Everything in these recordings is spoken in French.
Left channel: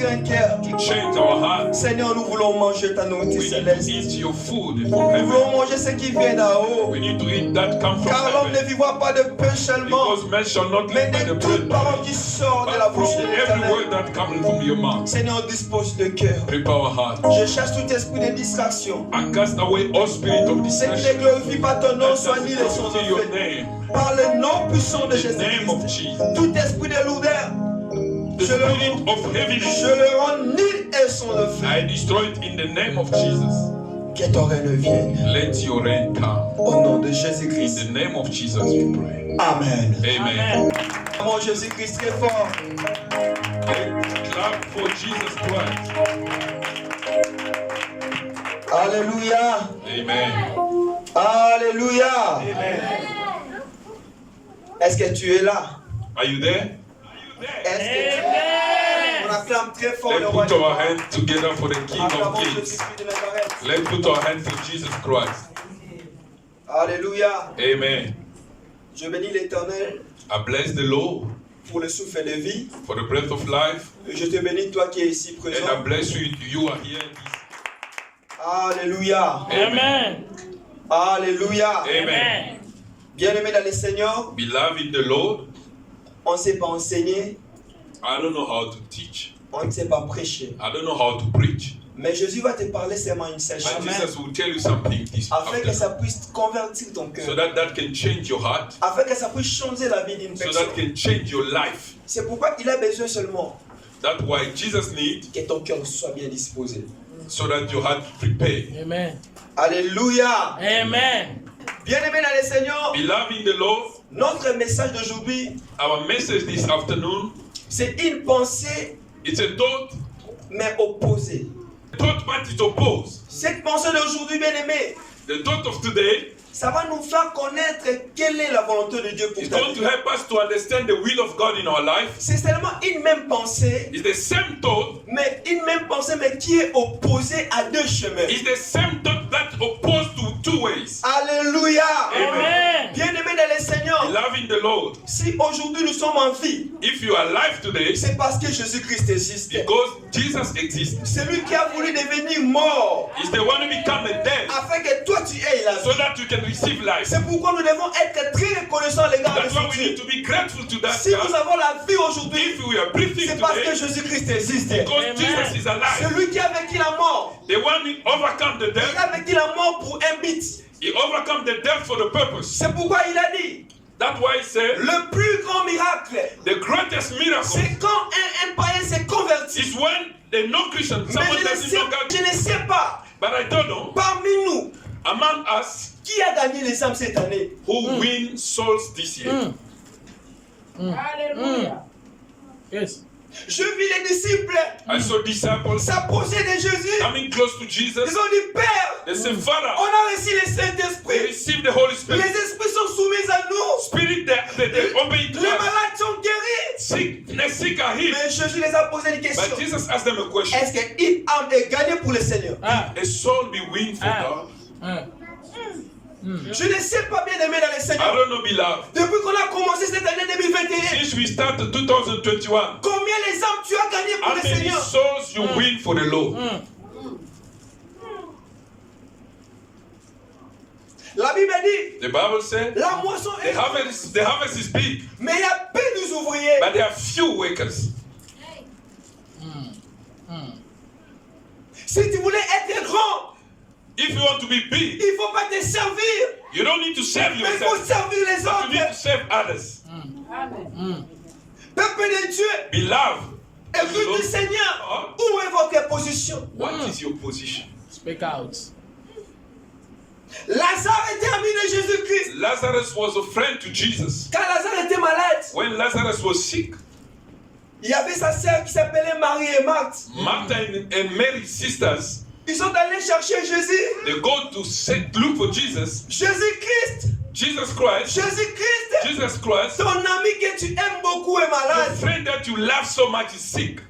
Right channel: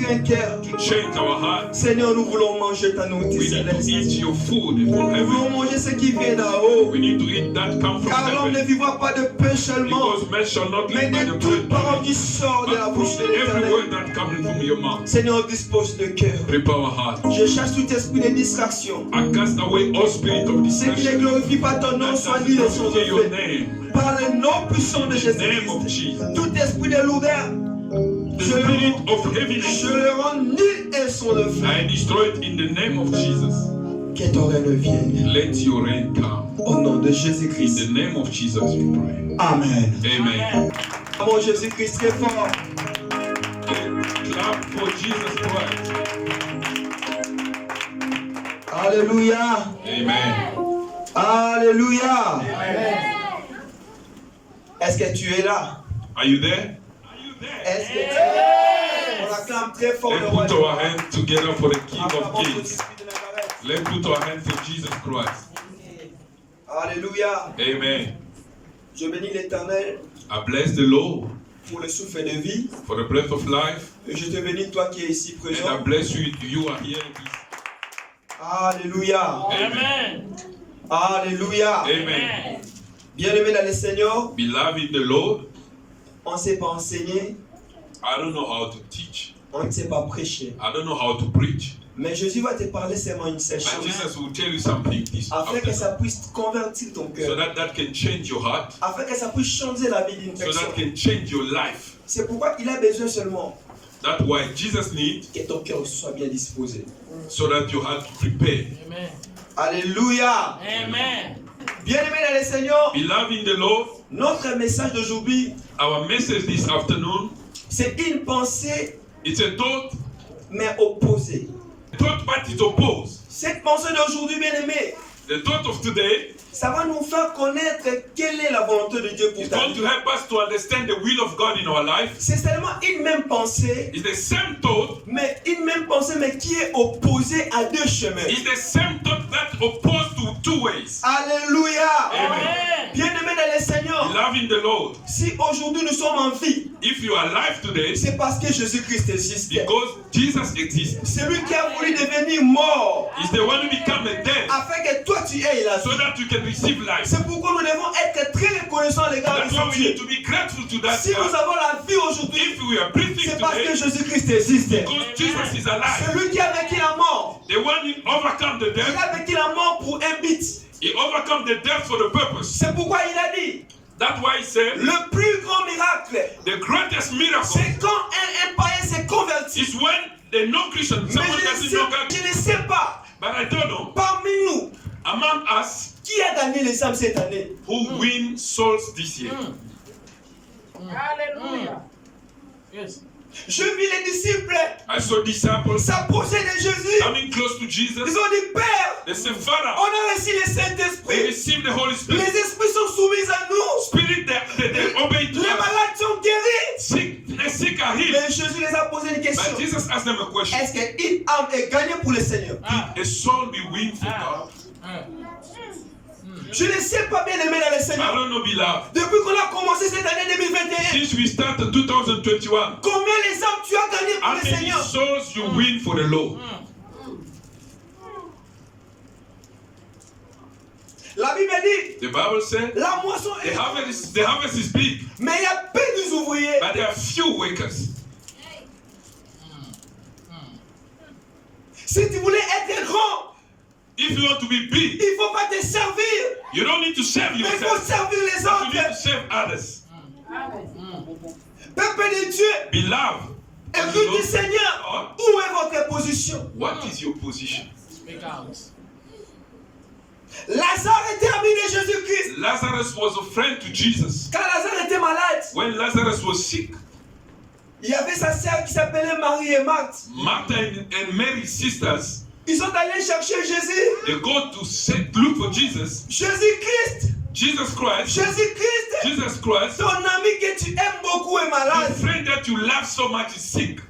convertir un cœur. to change our heart. Seigneur, nous voulons manger ta nourriture We need to céleste. eat your food Nous from heaven. voulons manger ce qui vient d'en haut. We need to eat that come from Car l'homme ne heaven. vivra pas de pain seulement, Because man shall not mais live by de the toute bread, parole qui sort de la but bouche from de every l'Éternel. word that comes from your mouth. Seigneur, dispose de cœur. Prepare our heart. Je chasse tout esprit de distraction. And cast away all spirit of Ce qui ne deception. glorifie pas ton nom, That soit doesn't ni le son de glorify your feu. name. Par le nom puissant de In the name of Jésus-Christ. Jesus. Tout esprit de lourdeur, The spirit of heaviness, je le rends nul et son de feu. I destroy it in the name of Jesus. Que ton règne vienne. Let your reign come. Au nom de In Jésus-Christ. the name of Jesus we pray. Amen. Amen. Mon Jésus-Christ très fort. Clap for Jesus Christ. Alléluia. Amen. Alléluia. Est-ce que tu es là? Are you there? Est-ce que tu es là? On acclame très fort le Let's roi. put our hands together for the King of Acclamons Kings. Jésus-Christ de Nazareth. Let's put our hands for Jesus Christ. Alléluia. Amen. Je bénis l'Éternel I bless the Lord pour le souffle de vie. for the breath of life. Et je te bénis, toi qui es ici And I présent. bless you. You are here. Alléluia. Amen. Alléluia. Amen. Bien-aimé dans le Seigneur, Beloved in the Lord, on ne sait pas enseigner, I don't know how to teach. on ne sait pas prêcher. I don't know how to preach. Mais Jésus va te parler seulement une seule And chose. Jesus will tell you something this Afin que ça afternoon, puisse convertir ton so cœur. that can change your heart, Afin que ça puisse changer la vie d'une so personne. that can change your life. C'est pourquoi il a besoin seulement That's why Jesus needs, que ton cœur soit bien disposé. so that your heart prepare. Amen. Alléluia. Amen. Bien-aimé dans le Seigneur, Beloved in the Lord, notre message d'aujourd'hui, our message this afternoon, c'est une pensée, it's a thought, mais opposée. thought but it opposed. Cette pensée d'aujourd'hui, bien-aimé, The thought of today ça va nous faire connaître quelle est la volonté de Dieu pour is ta going to vie. help us to understand the will of God in our life. C'est seulement une même pensée, It's the same thought, mais une même pensée, mais qui est opposée à deux chemins. it's the same thought that opposed to two ways. Alléluia. Amen. Bien-aimé dans le Seigneur, Beloved in the Lord, si aujourd'hui nous sommes en vie, if you are alive today, c'est parce que Jésus-Christ existe. because Jesus exists, Celui qui a voulu devenir mort, is the one who became a dead, afin que toi tu aies la so vie. that you can receive life. C'est pourquoi nous devons être très reconnaissants à l'égard de That's why ce we need Dieu. to be grateful to that Si nous God. avons la vie aujourd'hui, If we are breathing c'est parce que today, Jésus-Christ existe. because Jesus is alive, Celui qui a vaincu la mort, the one who overcome the il death, a vaincu la mort pour un but. he overcome the death for the purpose. C'est pourquoi il a dit, That's why he said, le plus grand miracle, the greatest miracle c'est quand un païen s'est converti. is when the non-Christian, Mais someone je doesn't ne know God, sais pas, but I don't know, parmi nous, among us, qui a gagné les âmes cette année? who win souls this year. Hallelujah. Yes. Je vis les disciples I saw disciples s'approcher de Jésus. coming close to Jesus. Ils ont dit, Père, They said, on Father, a reçu le we Saint-Esprit. received the Holy Les Spirit. esprits sont soumis à nous. Spirit, they obey to Les us. malades sont guéris. Sick are healed. Mais Jésus les a posé une question. But Jesus asked them a question. Est-ce qu'une âme est gagnée pour le Seigneur? A soul be win for God? Je ne sais pas bien aimé dans le I Seigneur. don't know, beloved. Depuis qu'on a commencé cette année 2021, Since we started 2021, combien les âmes tu as gagnées pour how le many Seigneur? souls you win for the Lord? La Bible dit, The Bible said la moisson the est harvest is big, mais il y a peu d'ouvriers. but there are few workers. Si tu voulais être grand, If you want to be big, il ne faut pas te servir, you don't need to serve mais il faut yourself. servir les But you need to autres. serve others. Peuple de Dieu, Beloved, écoute du Seigneur, où est votre position? what is your position? Speak out. Lazare était ami de Jésus-Christ. Lazarus was a friend to Jesus. Quand Lazare était malade, When Lazarus was sick, il y avait sa sœur qui s'appelait Marie et Marthe. Martha and Mary's sisters, Ils sont allés chercher Jésus. they go to look for Jesus. Jésus-Christ, Jesus Christ, Jésus-Christ, Jesus Christ, ton ami que tu aimes beaucoup est the malade. friend that you love so much is sick.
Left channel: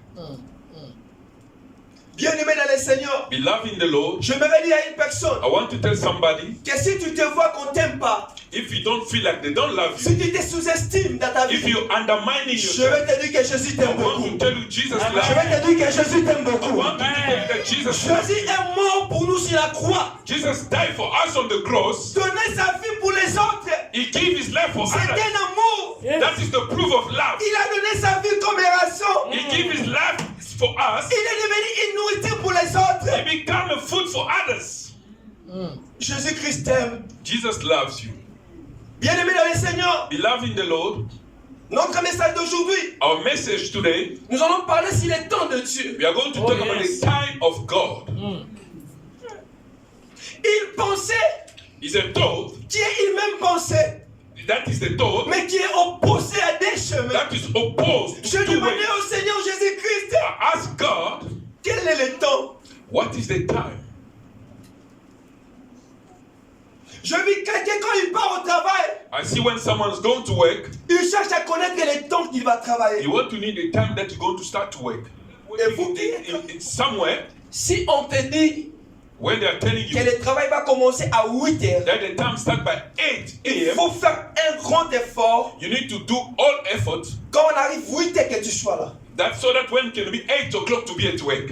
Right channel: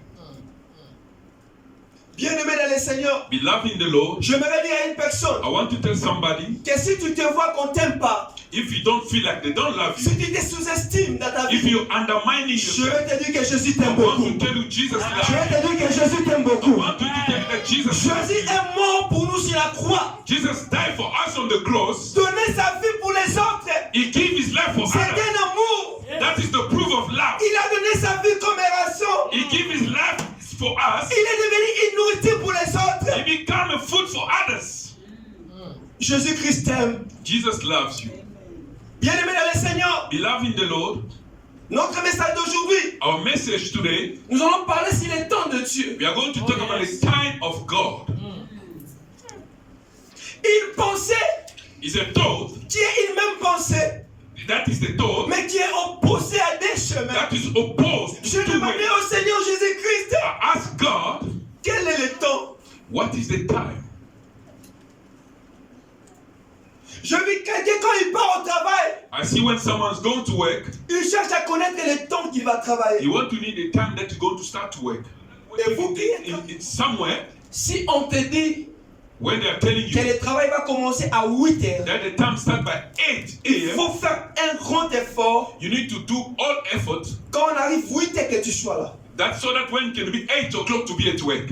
Bien-aimé dans le Seigneur, Beloved in the Lord, j'aimerais dire à une personne I want to tell somebody, que si tu te vois qu'on t'aime pas, if you don't feel like they don't love si you, tu te sous-estimes dans ta if vie, you're undermining je yourself, vais te dire que Jésus I t'aime want beaucoup. to tell you Jesus Je loves you. vais te dire que Jésus t'aime I beaucoup. want you to tell you that Jesus loves you. Jésus est mort pour nous sur la croix. Jesus died for us on the cross. Donner sa vie pour les autres, He gave his life for c'est others. un amour. That is the proof of love. Il a donné sa vie comme rançon. He gave his life for us. Il est devenu une nourriture pour les He autres. became a food for others. Jésus-Christ t'aime. Jesus loves you. Bien-aimé dans le Seigneur, Beloved in the Lord, notre message d'aujourd'hui, our message today, nous allons parler sur les temps de Dieu. we are going to Oh, talk about yes. the time of God. Une pensée It's a thought, qui est une même pensée, that is the thought, mais qui est opposée à des chemins. that is opposed Je to two demandais ways. au Seigneur Jésus-Christ, I ask God, quel est le temps? what is the time? Je vis quelqu'un quand il part au travail, I see when someone's going to work, il cherche à connaître le temps qu'il va travailler. you want to need the time that you're going to start to work. Et vous qui It's somewhere si on te dit when they are telling que you le travail va commencer à 8 heures, that the time starts by 8 il a.m., faut faire un grand effort you need to do all effort quand on arrive 8 heures que tu sois là. that so that when it can be 8 o'clock to be at work.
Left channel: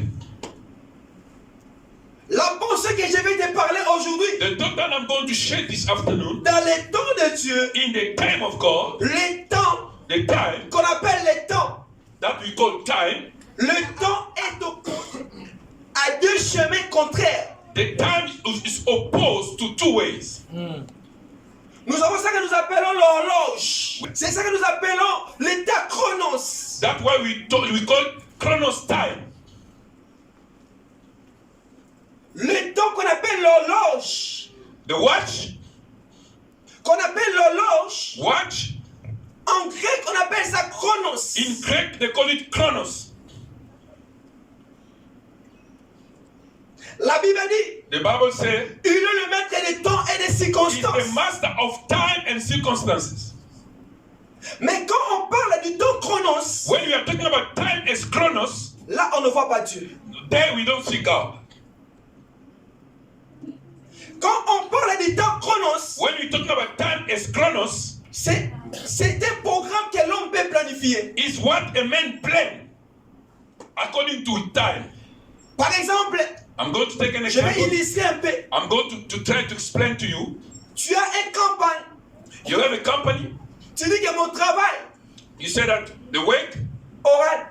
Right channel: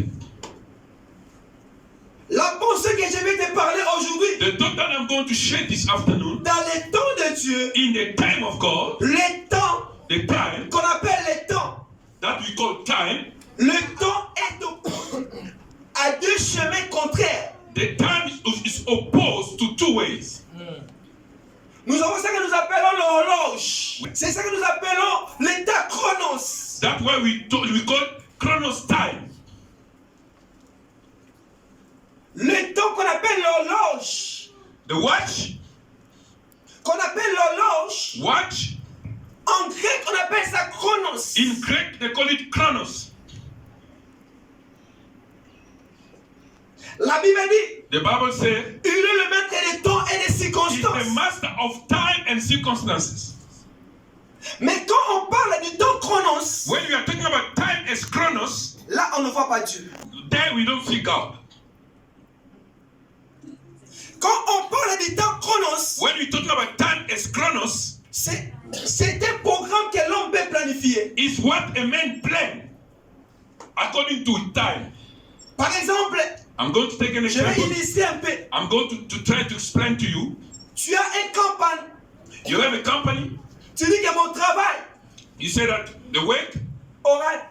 La pensée que je vais te parler aujourd'hui, The thought that I'm going to share this afternoon, dans le temps de Dieu, in the time of God, le temps the time qu'on appelle le temps, that we call time, le temps est opposé à deux chemins contraires. the time is opposed to two ways. Nous avons ça que nous appelons l'horloge. C'est ça que nous appelons l'état chronos. That's why we call chronos time. Le temps qu'on appelle l'horloge, The watch, watch, en grec on appelle ça chronos. in Greek they call it chronos. La Bible dit, The Bible says il est le maître des temps et des he's the circonstances. master of time and circumstances. Mais quand on parle du temps chronos, When we are talking about time as chronos, là on ne voit pas Dieu. there we don't see God. Quand on parle du temps chronos, When we're talking about time as chronos, c'est un programme que l'homme peut planifier. is what a man plan according to time. Par exemple, I'm going to take an je vais example. illustrer un peu. I'm going to try to explain to you. Tu as une campagne. You have a company. Tu dis que mon travail You say that the work aura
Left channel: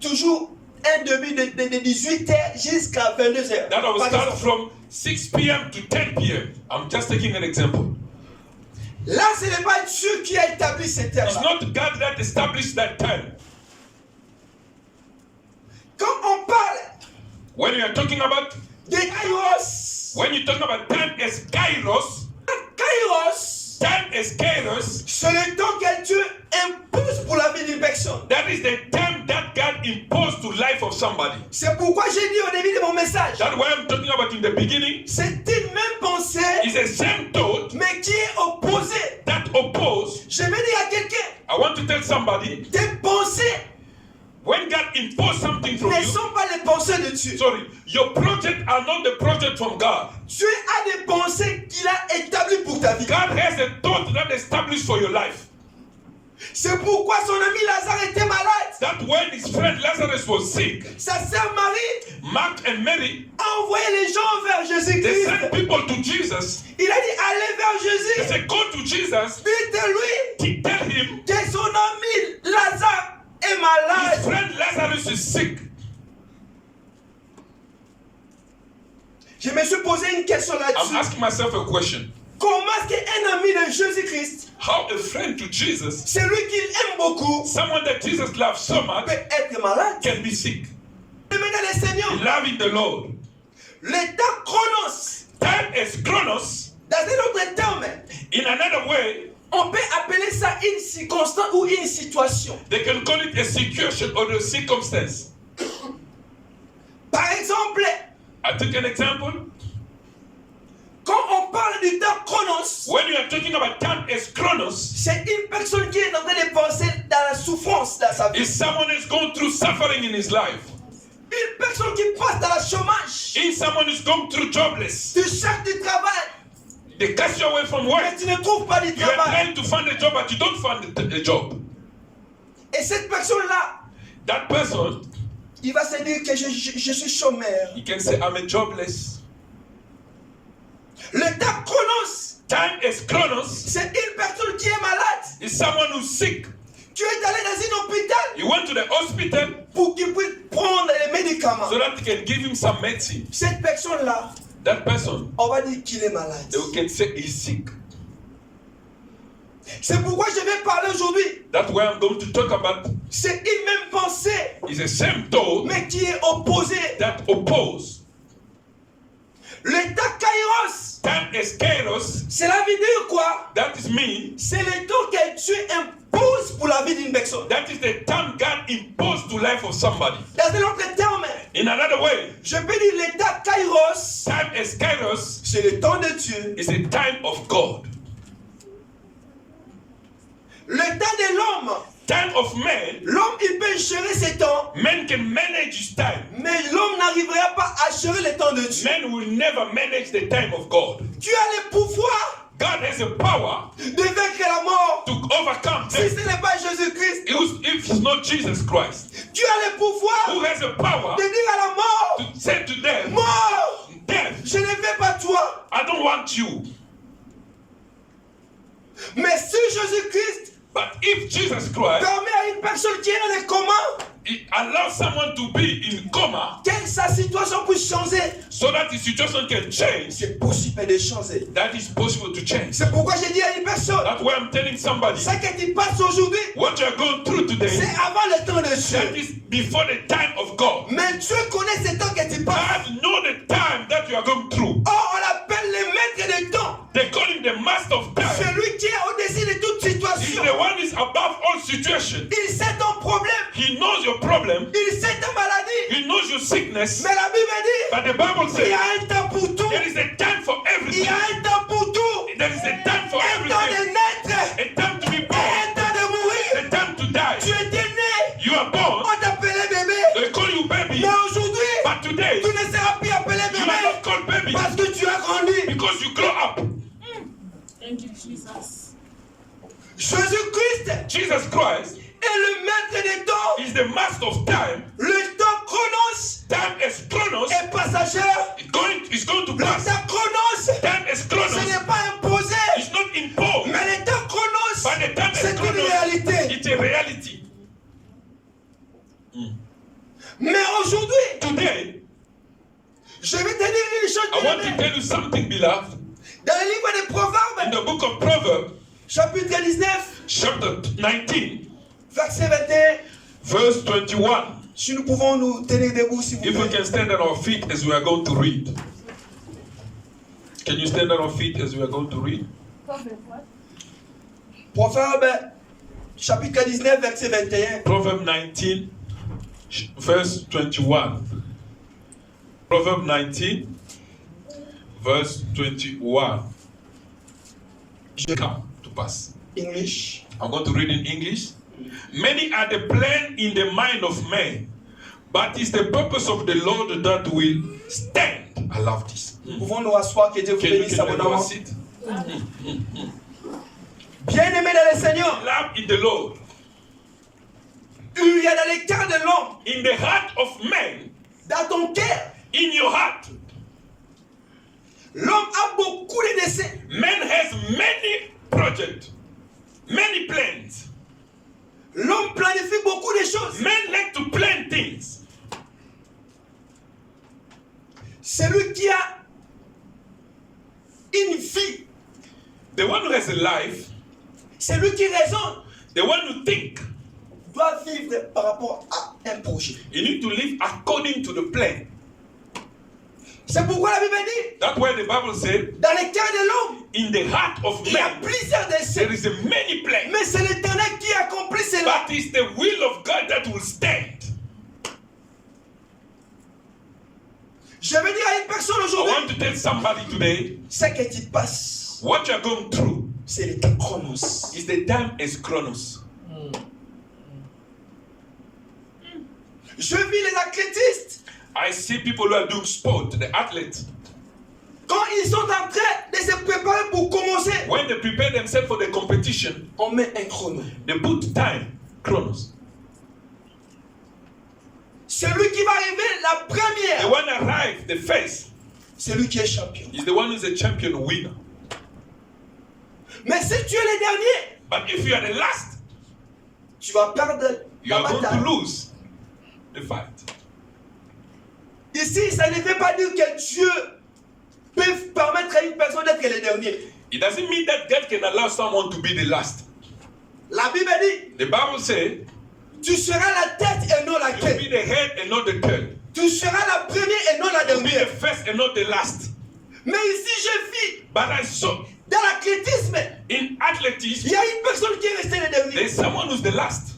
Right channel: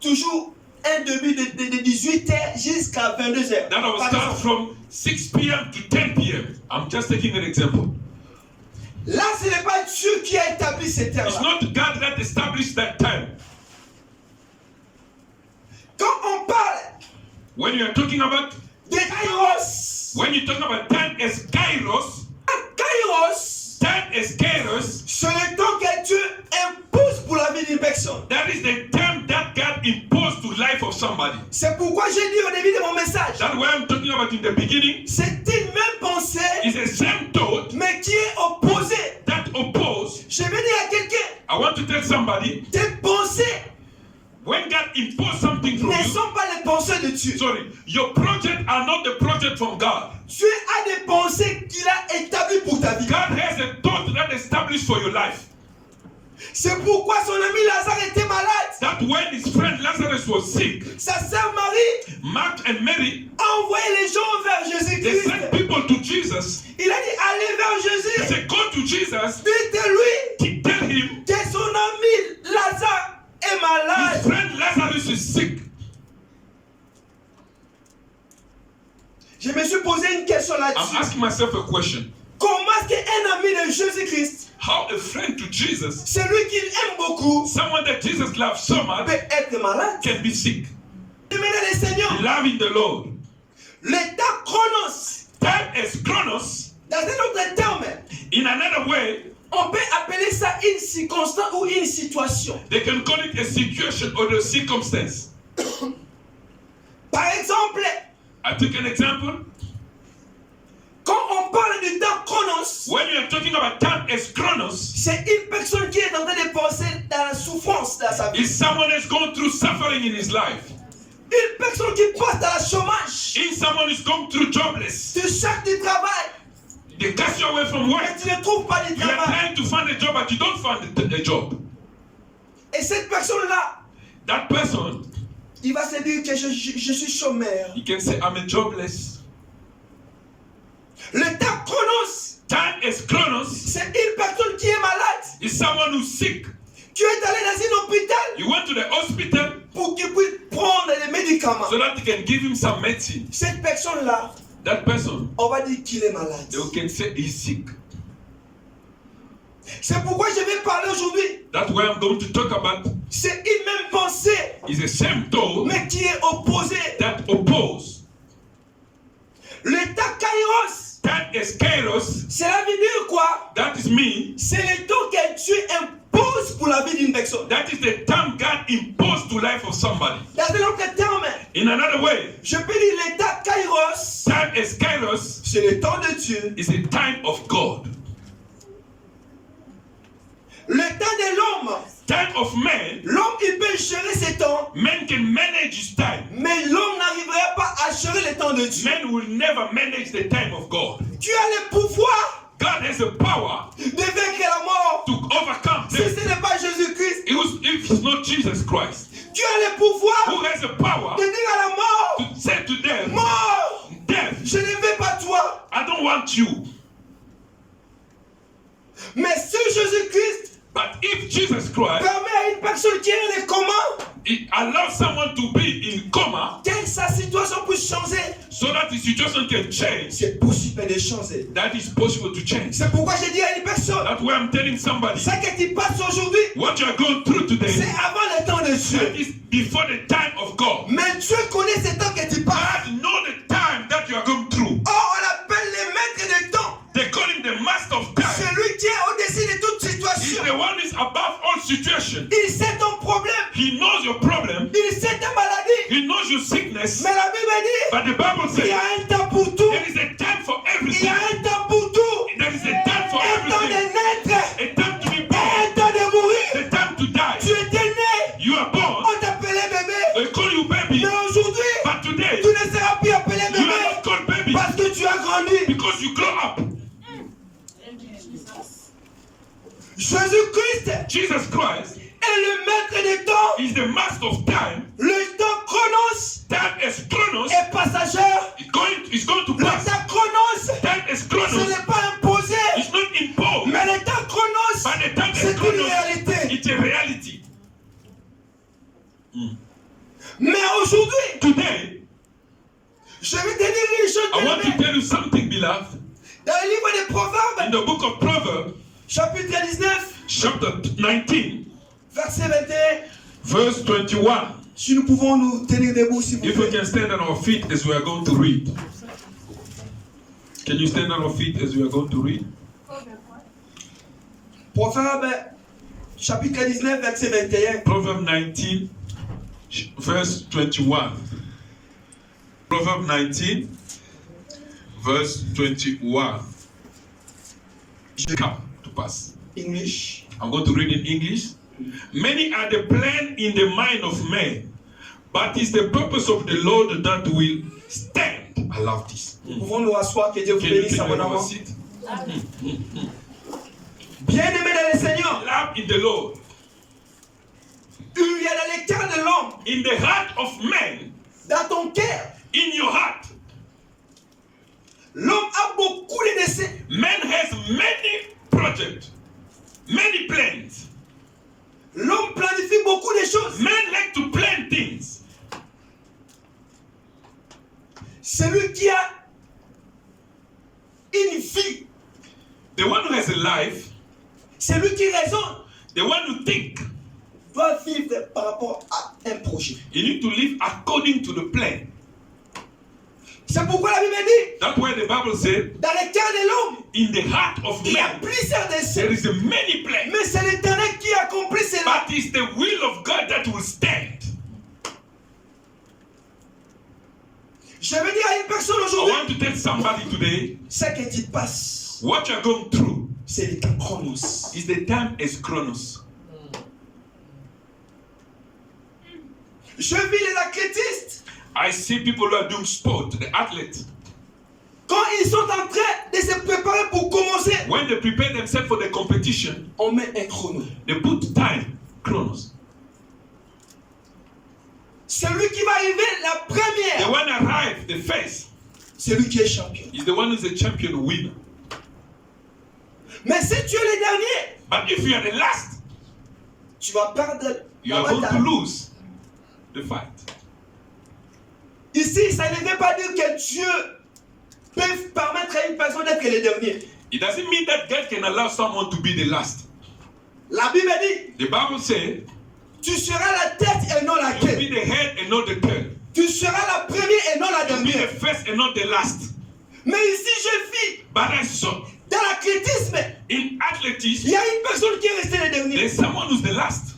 toujours un début de 18h jusqu'à 22h. that will Par start exemple. from 6 p.m. to 10 p.m. I'm just taking an example. Là, ce n'est pas Dieu qui a établi cette It's terre-là. not God that established that time. Quand on parle When you are talking about de Kairos, when you're talking about time as kairos, c'est le temps que Dieu impose pour la vie d'une personne. that is the time that God imposed to life of somebody. C'est pourquoi j'ai dit au début de mon message, That's what I'm talking about in the beginning. c'est une même pensée, It's the same thought mais qui est opposée. that oppose. Je vais dire à quelqu'un, I want to tell somebody, tes pensées when God imposed something from ne you, sont pas les pensées de Dieu. sorry, your project are not the project from God. Dieu a des pensées qu'il a établies pour ta vie. God has a thought that established for your life. C'est pourquoi son ami Lazare était malade. That when his friend Lazarus was sick, Sa sœur Marie Mark and Mary, a envoyé les gens vers they Jésus-Christ. sent people to Jesus. Il a dit, allez vers They Jésus. said, go to Jesus, Dites-lui tell him que son ami Lazare est his malade. friend Lazarus is sick. Je me suis posé une question I'm là-dessus. asking myself a question. Comment est-ce qu'un ami de Jésus-Christ, How a friend to Jesus, celui qu'il aime beaucoup, someone that Jesus loves so much, peut être malade? can be sick? Maintenant, le Seigneur, Loving the Lord. l'état chronos, Time as chronos, dans un autre terme, in another way, on peut appeler ça une circonstance ou une situation. they can call it a situation or a circumstance. Par exemple, I took an example. quand on parle du temps chronos, When you are talking about time as chronos, c'est une personne qui est en train de penser dans la souffrance dans sa vie. is someone that's going through suffering in his life. Une personne qui passe dans le chômage. If someone is going through jobless, Tu cherches du travail, they cast you away from work. mais tu ne trouves pas du You are travail. trying to find a job, but you don't find a job. Et cette personne-là, That person, il va se dire que je suis chômeur. he can say, I'm a jobless. Le temps chronos, Time is chronos. c'est une personne qui est malade. Is someone who's sick. Tu es allé dans un hôpital You went to the hospital pour qu'il puisse prendre les médicaments. so that you can give him some medicine. Cette personne-là, That person, on va dire qu'il est malade. they can say he's sick. C'est pourquoi je vais parler aujourd'hui. That's why I'm going to talk about C'est une même pensée, is the same thought mais qui est opposée. that oppose. Le temps kairos, Time is kairos. cela veut dire quoi? That is me. C'est le temps que Dieu impose pour la vie d'une personne. That is the time God imposed to life of somebody. Dans un autre terme, In another way, je peux dire le temps kairos, time is kairos c'est le temps de Dieu. is the time of God. Le temps de l'homme, Time of man, l'homme il peut gérer ses temps, man can manage his time. mais l'homme n'arrivera pas à gérer le temps de Dieu. Man will never manage the time of God. Dieu a le pouvoir God has the power de vaincre la mort. to overcome Si death. ce n'est pas Jésus-Christ, If it's not Jesus Christ, Dieu a le pouvoir who has the power de dire à la mort, to say to them, mort, death, je ne veux pas toi. I don't want you. Mais si Jésus-Christ But if Jesus Christ, permet à une personne qui est dans le coma he allows someone to be in coma que sa situation puisse changer, so that the situation can change, c'est possible de changer. that is possible to change. C'est pourquoi je dis à une personne, That's why I'm telling somebody, ce que tu passes aujourd'hui, what you are going through c'est today, avant le temps de that Dieu. is before the time of God. Mais Dieu connaît ce temps que tu passes. God know the time that you are going through. Or, on l'appelle le maître du temps. They call him the master of time. Celui qui est au-dessus de toute He's situation. the one who is above all situations. Il sait ton problème. He knows your problem. Il sait ta maladie. He knows your sickness. Mais la Bible dit, But the Bible il y says a un temps pour tout. there is a time for Il y everything. a un temps pour tout. There is a time for Un temps de everything. naître. A time to be Et born. un temps de mourir. A time to die. Tu étais né. You are born. On t'appelait bébé. They call you baby. Mais aujourd'hui, But today, tu ne seras plus appelé you are bébé. not called baby Parce que tu as grandi. because you grow up. Thank you, Jesus. Jésus-Christ Jesus Christ est le maître des temps. is the master of time. Le temps chronos Time is chronos. est passager. It's going to Le pass. temps chronos, Time is ce chronos. n'est pas imposé. It's not imposed. Mais le temps chronos, But the time c'est is une chronos. réalité. It's a reality. Mais aujourd'hui, Today, je vais te dire une chose. I want to bien-aimé. tell you something, beloved. Dans le livre des In Proverbes, the book of Proverbs, chapitre 19, chapter 19, verset 21, verse 21. si nous pouvons nous tenir debout, s'il vous If we plaît. can stand on our feet as we are going to read. Can you stand on our feet as we are going to read? Proverbe, chapitre 19, verset 21. Proverbs 19, verse 21. Proverbs 19, verse 21. Come to pass. English. I'm going to read in English. Many are the plans in the mind of man, but it's the purpose of the Lord that will stand. I love this. Nous pouvons nous asseoir, que Dieu vous Can you bénisse have a abondamment. seat? Bien-aimé dans le Seigneur, Love in the Lord. il y a dans le cœur de l'homme, In the heart of man, dans ton cœur, in your heart, l'homme a beaucoup de desseins. man has many projects, many plans. L'homme planifie beaucoup de choses. Men like to plan things. Celui qui a une vie, The one who has a life, celui qui raisonne, the one who think, doit vivre par rapport à un projet. you need to live according to the plan. C'est pourquoi la Bible dit, That's why the Bible said, dans le cœur de l'homme, in the heart of il y a man, plusieurs desseins. there is a many plans. Mais c'est l'Éternel qui accomplit cela. But it's the will of God that will stand. Je veux dire à une personne I aujourd'hui, want to tell somebody today, ce que tu passes, what you're going through c'est le temps chronos. is the time is chronos. Je vis les athlétistes. I see people who are doing sport, the athletes. Quand ils sont en train de se préparer pour commencer, When they prepare themselves for the competition, on met un chrono. they put time, chronos. Celui qui va arriver la The première, one arrive, the first, c'est lui qui est champion. is the one who's a champion winner. Mais si tu es le dernier, But if you are the last, tu vas perdre you la are going to bataille. lose the fight. Ici, ça ne veut pas dire que Dieu peut permettre à une personne d'être le dernier. It doesn't mean that God can allow someone to be the last. La Bible dit, The Bible says, tu seras la tête et non la you will be queue. the head and not the tail. Tu seras la première et non la You will be the dernière. first and not the last. Mais ici, je vis But I saw dans l'athlétisme, in athletics, il y a une personne qui est restée le dernier. there's someone who's the last.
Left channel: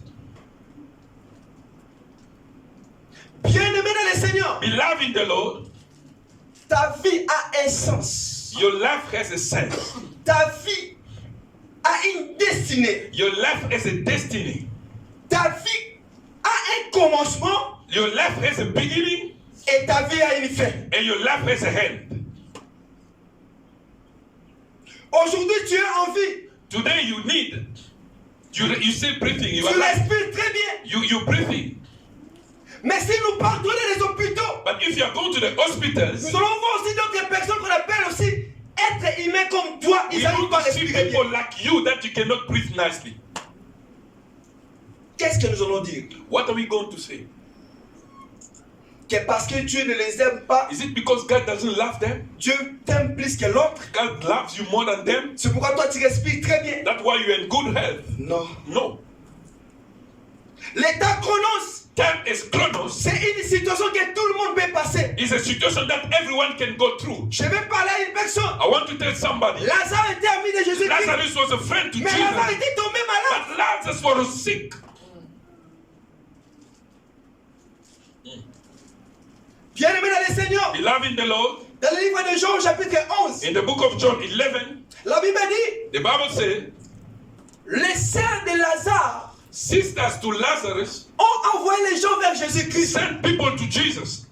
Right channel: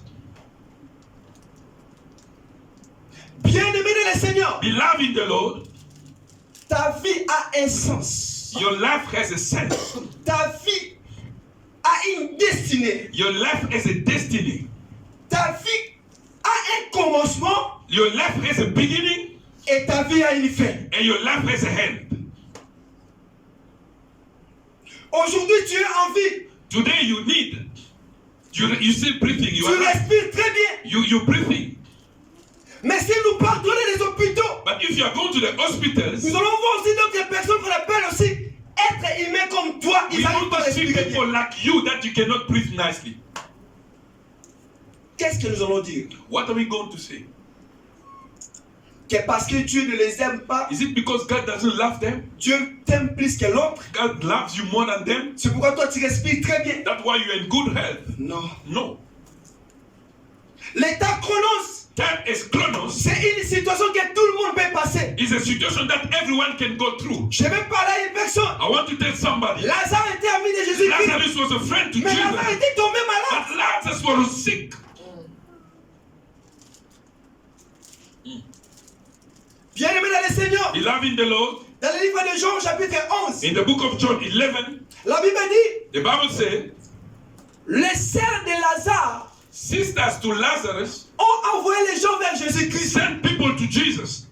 Bien-aimé dans le Seigneur, Beloved in the Lord, ta vie a un sens. your life has a sense. Ta vie a une destinée. Your life has a destiny. Ta vie a un commencement Your life has a beginning et ta vie a une fin. and your life has a end. Aujourd'hui, tu es en vie. Today you need, you still breathing, you Tu are alive. respires très bien. You breathing. Mais si nous partons dans les hôpitaux, But if you are going to the hospitals, nous allons voir aussi d'autres personnes qu'on appelle aussi être humains comme toi. we Ils n'arrivent pas want à to see respirer people bien. like you that you cannot breathe nicely. Qu'est-ce que nous allons dire? What are we going to say? Que parce que Dieu ne les aime pas, Is it because God doesn't love them? Dieu t'aime plus que l'autre. God loves you more than them? C'est pourquoi toi tu respires très bien. That's why you're in good health. Non. No. L'état chronos, Time is chronos. c'est une situation que tout le monde peut passer. It's a situation that everyone can go through. Je vais parler à une personne. I want to tell somebody. Lazare était ami de Jésus-Christ. Lazarus was a friend to Mais Lazare Jesus. était tombé malade. But Lazarus was sick. Bien-aimé dans le Seigneur, Beloved in the Lord, dans le livre de Jean, chapitre 11, in the book of John 11, la Bible dit, the Bible says, les sœurs de Lazare sisters to Lazarus ont envoyé les gens vers Jésus-Christ sent people to Jesus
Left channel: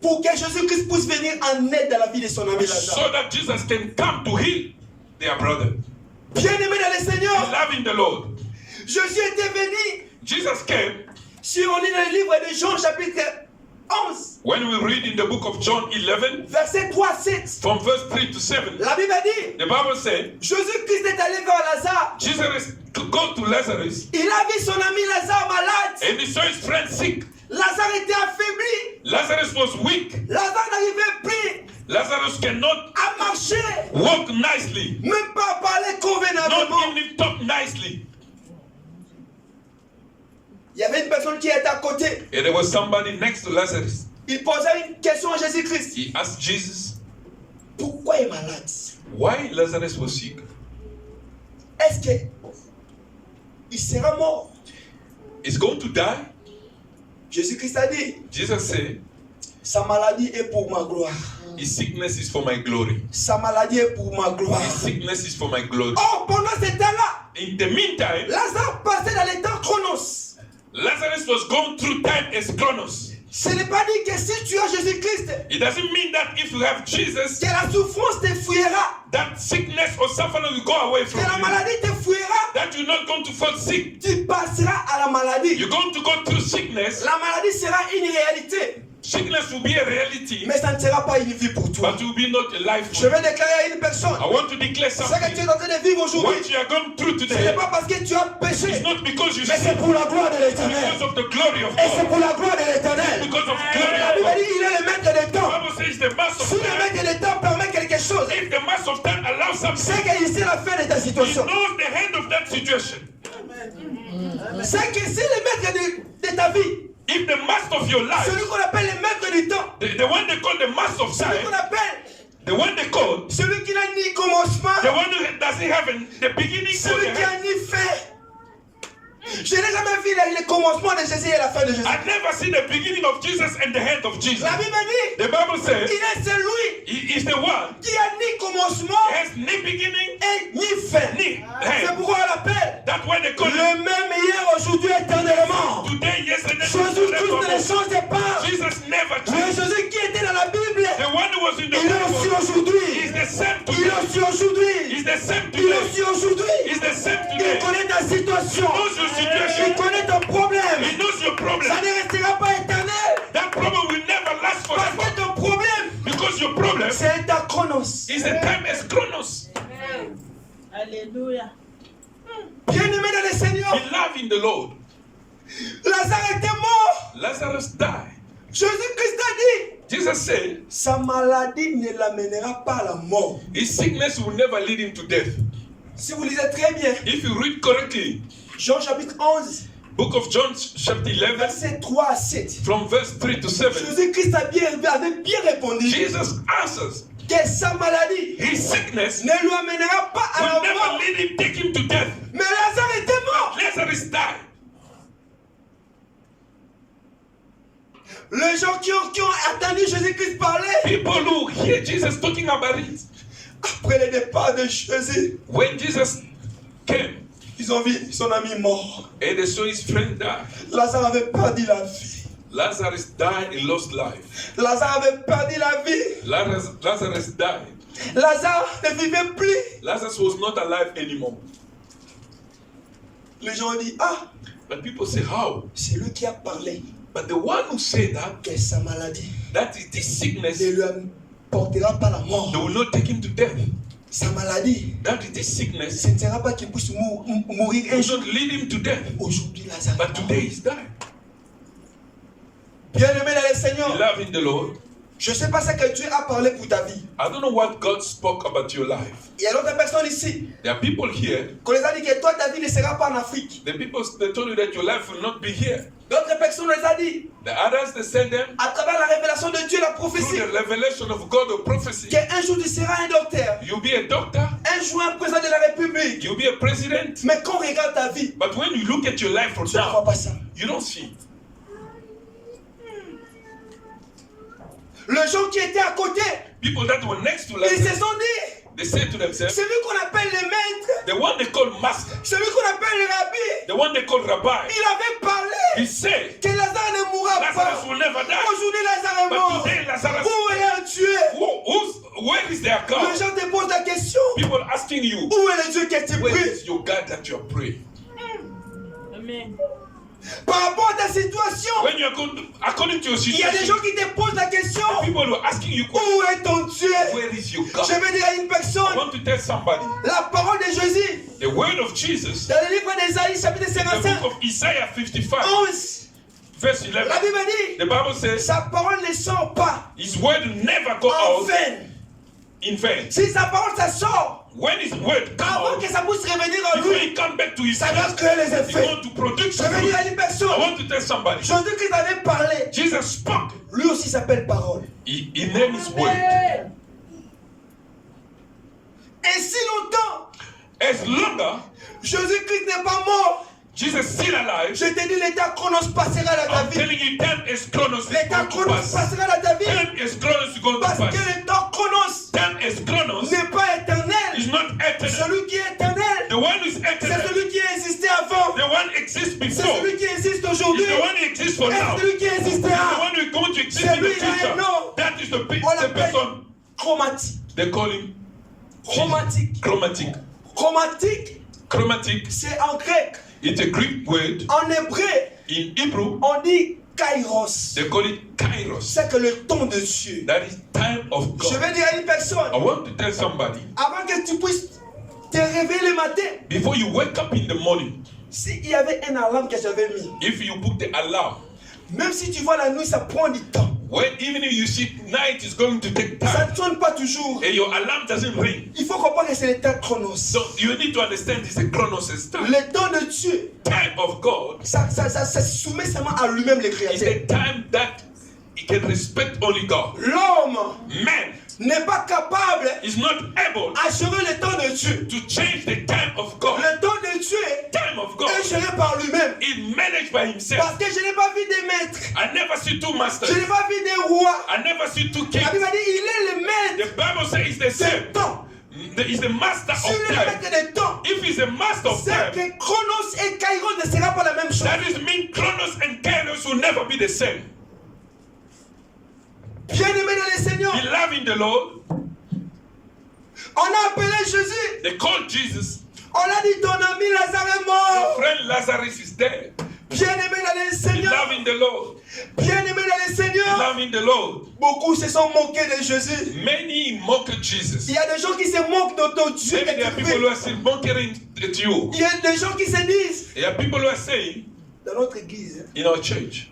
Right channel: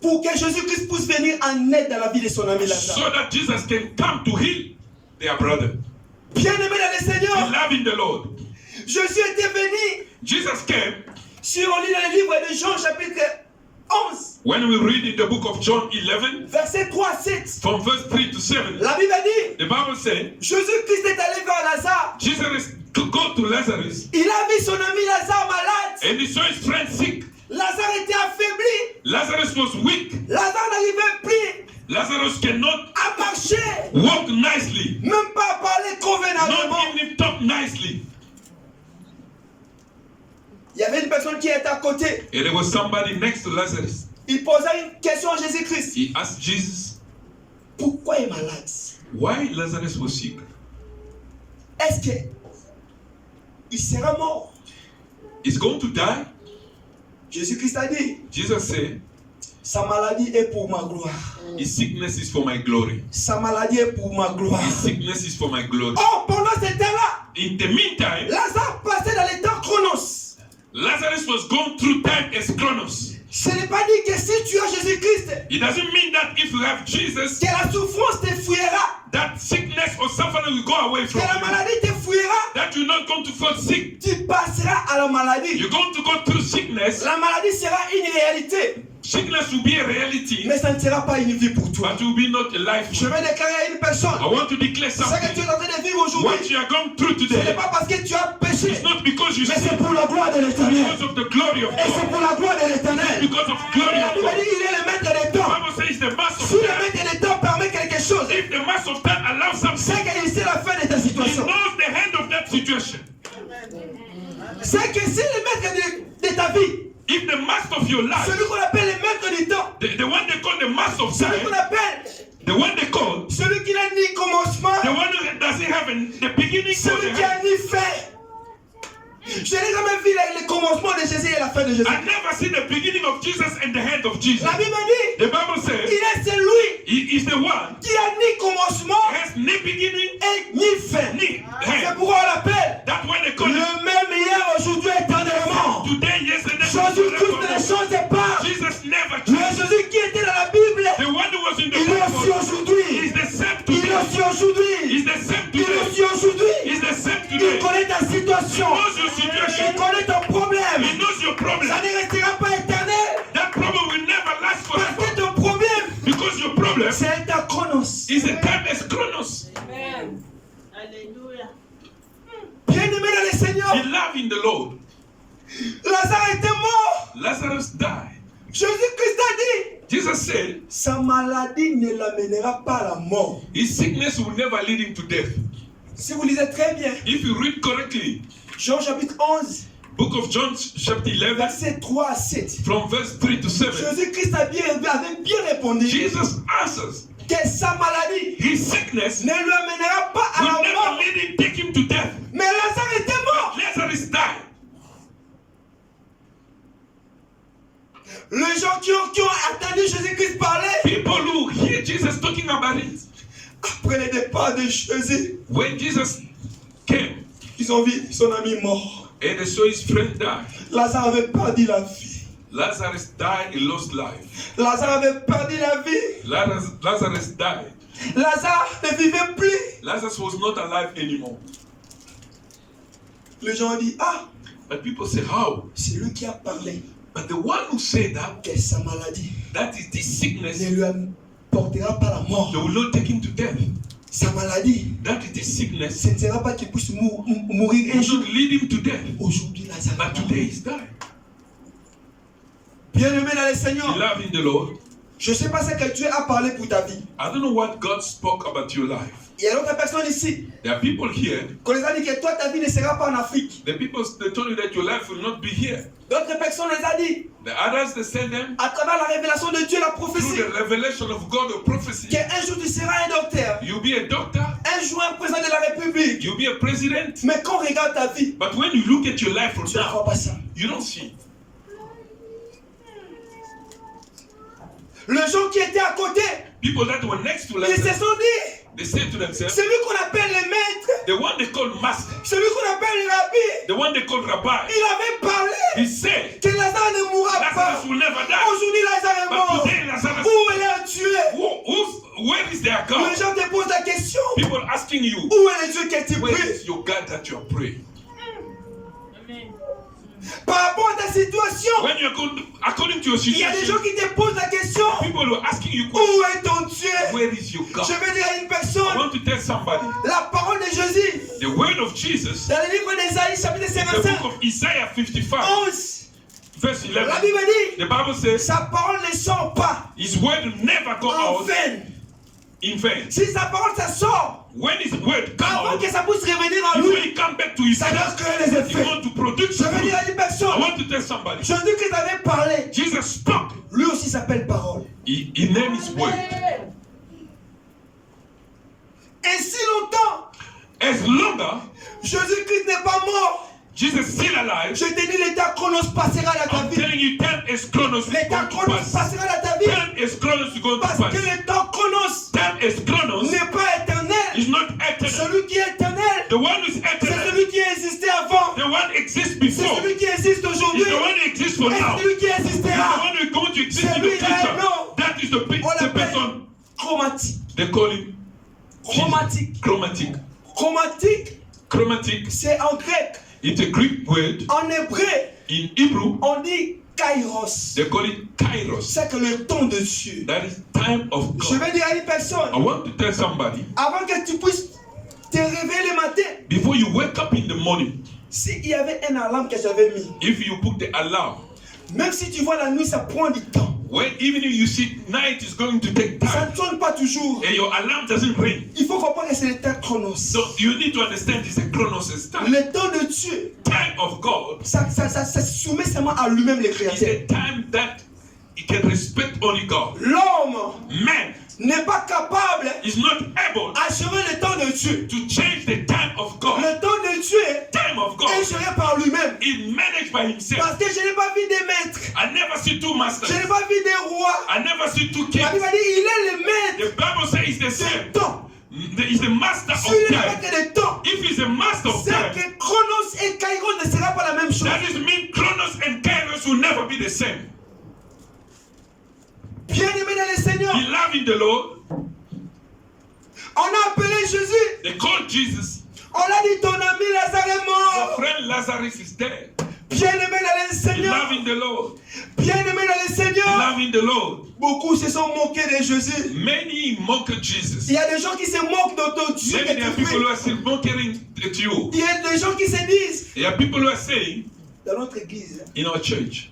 pour que Jésus-Christ puisse venir en aide dans la vie de son ami Lazare. so that Jesus can come to heal their brother. Bien-aimé dans le Seigneur, Beloved in the Lord, Jésus était venu, Jesus came. si on lit dans le livre de Jean, chapitre 11, When we read in the book of John 11, verset 3 à 7, from verse 3 to 7, la Bible dit, the Bible says, Jésus-Christ est allé vers Lazare. Jesus to go to Lazarus Il a vu son ami Lazare malade. and he saw his friend sick. Lazare était affaibli. Lazarus was weak. Lazare n'arrivait plus Lazarus cannot à marcher, walk nicely, même pas à parler convenablement. not even talk nicely. Il y avait une personne qui était à côté. And there was somebody next to Lazarus. Il posait une question à Jésus-Christ. He asked Jesus Pourquoi il est malade? why Lazarus was sick. Est-ce que il sera mort? He's going to die. Jésus-Christ a dit, Jesus said, sa maladie est pour ma gloire. his sickness is for my glory. Sa maladie est pour ma gloire. His sickness is for my glory. Or, pendant ce temps-là, In the meantime, Lazare passait dans les temps chronos. Lazarus was going through time as Chronos. Ce n'est pas dit que si tu as Jésus-Christ, It doesn't mean that if you have Jesus, que la souffrance te fuira, that sickness or suffering will go away que from la you. maladie te fuira. That you're not going to fall sick. Tu passeras à la maladie. You're going to go through sickness. La maladie sera une réalité, Sickness will be a reality, mais ça ne sera pas une vie pour toi. but it will be not a life. Je vais déclarer à une personne, I want to declare ce que tu something. es en train de vivre What aujourd'hui, you are going through ce n'est today pas parce que tu as péché, is not because you mais c'est sin, pour la gloire de l'éternel. because of the glory of Et c'est God, pour la gloire de l'éternel. because of the glory La of Bible God. dit qu'il est le maître des The temps. Bible says the mass of Si le time. maître des temps permet quelque chose, If the mass of time allows something, c'est qu'il sait la fin de ta he situation. knows the end of that situation. C'est que si le maître de ta vie, If the master of your life, celui qu'on appelle le maître du temps, the one they call the master of celui qu'on time, appelle the one they call, celui qui n'a ni commencement, the one who doesn't have the beginning or celui the qui a end. ni fin. Je n'ai jamais vu le commencement de Jésus et la fin de Jésus. I never seen the beginning of Jesus and the end of Jesus. La Bible dit, The Bible says il est celui he is the one qui a ni commencement who has ni beginning, et ni fin. ni C'est end. pourquoi on l'appelle That's why they call le him même hier, aujourd'hui, éternellement. today, yesterday, Jésus Il est today. aussi aujourd'hui. He's the same Il today. connaît ta situation. He knows your Il situation. connaît ton problème. He knows your Ça problem. ne restera pas éternel. That problem will never last Parce forever. que ton problème, Because your problem c'est un temps chronos. is a timeless chronos. Amen. Alléluia. Bien-aimé dans le Seigneur, Beloved in the Lord, Lazare était mort. Lazarus died. Jésus-Christ a dit, Jesus said sa maladie ne l'amènera pas à la mort. his sickness will never lead him to death. Si vous lisez très bien, If you read correctly, Jean chapitre 11, book of John chapter 11, versets 3 à 7. from verse 3 to 7, Jésus-Christ avait bien répondu Jesus answers, que sa maladie his sickness ne lui amènera pas à will la never mort. lead him, take him to death. Mais Lazare était mort. Lazarus died. Les gens qui ont attendu Jésus-Christ parler, People who hear Jesus talking about it, après le départ de Jésus, when Jesus came ils ont vu son ami mort. and they saw his friend die, Lazare avait perdu la vie. Lazarus died, he lost life. Lazare avait perdu la vie. Lazarus died. Lazare ne vivait plus. Lazarus was not alive anymore. Les gens ont dit, ah, But people say, how? c'est lui qui a parlé. But the one who said that, Que sa maladie that is this sickness, ne lui apportera pas la mort. they will not take him to death. Sa maladie, That is this sickness, ce ne sera pas qu'il puisse mourir un will jour. not lead him to death. Aujourd'hui, Lazare. But today he's died. Bien-aimé dans le Seigneur, Beloved in the Lord, je ne sais pas ce que Dieu a parlé pour ta vie. I don't know what God spoke about your life. Il y a d'autres personnes ici There are people here, qu'on les a dit que toi, ta vie ne sera pas en Afrique. the people they told you that your life will not be here. D'autres personnes les a dit, The others they said them à travers la révélation de Dieu, la through prophétie, the revelation of God or prophecy. qu'un jour tu seras un docteur, You'll be a doctor, un jour un président de la République. you'll be a president. Mais quand on regarde ta vie, But when you look at your life from tu ne crois now, pas ça. you don't see. Les gens qui étaient à côté, People that were next to ils se Lazarus, sont dit, they say to themselves, celui qu'on appelle le maître, the one they call master, celui qu'on appelle le rabbi, the one they call rabbi, il avait parlé he said, que Lazare ne mourra pas. Lazarus will never die. Aujourd'hui, Lazare est But mort. today Lazarus, Où est le Dieu? where is their Les God? gens te posent la question, People asking you, où est le Dieu que tu where pries? is your God that you are praying? Amen. Par rapport à ta situation, When you are going, according to your il y a des situation, gens qui te posent la question, people were asking you, où est ton Dieu? where is your God? Je veux dire à une I personne, want to tell somebody, la parole de Jésus, the word of Jesus, dans le livre d'Ésaïe, chapitre the 55, book of Isaiah 55, 11, verse la 11, Bible dit, the Bible says, sa parole ne sort pas his word will never go en out vain. in vain. Si sa parole, ça sort, When his word comes avant out, que ça puisse revenir en before lui, he come back to his ça doit place, créer les he effets. want to produce Je veux dire à fruit. une I personne, want to tell somebody, Jésus-Christ avait parlé, Jesus spoke. lui aussi s'appelle parole. He named his word. Ainsi longtemps, As longer, Jésus-Christ n'est pas mort. Jesus still alive. Je te dis, l'état chronos passera dans ta I'm vie. telling you, time is chronos is L'état going to chronos pass. passera dans ta vie. Time is chronos is going to Parce que pass. le temps chronos Time is chronos n'est pas éternel. is not eternal. Celui qui est éternel, The one who is c'est eternal, celui qui a existé avant. the one exists C'est before, celui qui existe is aujourd'hui. the one who exists for Et now. celui qui Is the existera. one who is going to exist C'est in the lui, il a un future. nom. That is the On l'appelle person. chromatique. They call him Chromatique. chromatic. Chromatique, Chromatic. c'est en grec. It's a Greek word. En hébreu, In Hebrew, on dit kairos. they call it kairos. C'est que le temps de Dieu. That is time of Je God. vais dire à une I personne, want to tell somebody, avant que tu puisses te réveiller le matin, before you wake up in the morning, s'il y avait un alarme que j'avais mis, if you put the alarm, même si tu vois la nuit, ça prend du temps. when even if you see night is going to take Ça time, ne sonne pas toujours. and your alarm doesn't ring, Il faut comprendre que c'est le temps chronos. so you need to understand it's a chronos time. Le temps de Dieu, Time of God ça se soumet seulement à lui-même, le is Créateur. a time that he can respect only God. L'homme Man n'est pas capable is not able d'achever le temps de Dieu. to change the time of God. Le temps de Dieu Time of God est géré par lui-même. is managed by himself. Parce que je n'ai pas vu des maîtres. I never see two masters. Je n'ai pas vu des rois. I never see two La kings. Bible dit, il est le maître The Bible says he's the des same. temps. He's the master S'il est of le time. maître des temps, If he's a master of c'est time, que Chronos et Kairos ne sera pas la même chose. that is mean Chronos and Kairos will never be the same. Bien-aimé dans le Seigneur, Beloved in the Lord, On a appelé Jésus. They called Jesus. On a dit ton ami Lazare est Your mort. friend Lazarus is dead. Bien-aimé dans le Be Seigneur. loving the Lord. Bien-aimé dans le Be Seigneur. loving the Lord. Beaucoup se sont moqués de Jésus. Many mocked Jesus. Il y a des gens qui se moquent de ton Dieu. Maybe there are people who are still mocking at you. Il y a des gens qui se disent, There are people who are saying dans notre église, in our church,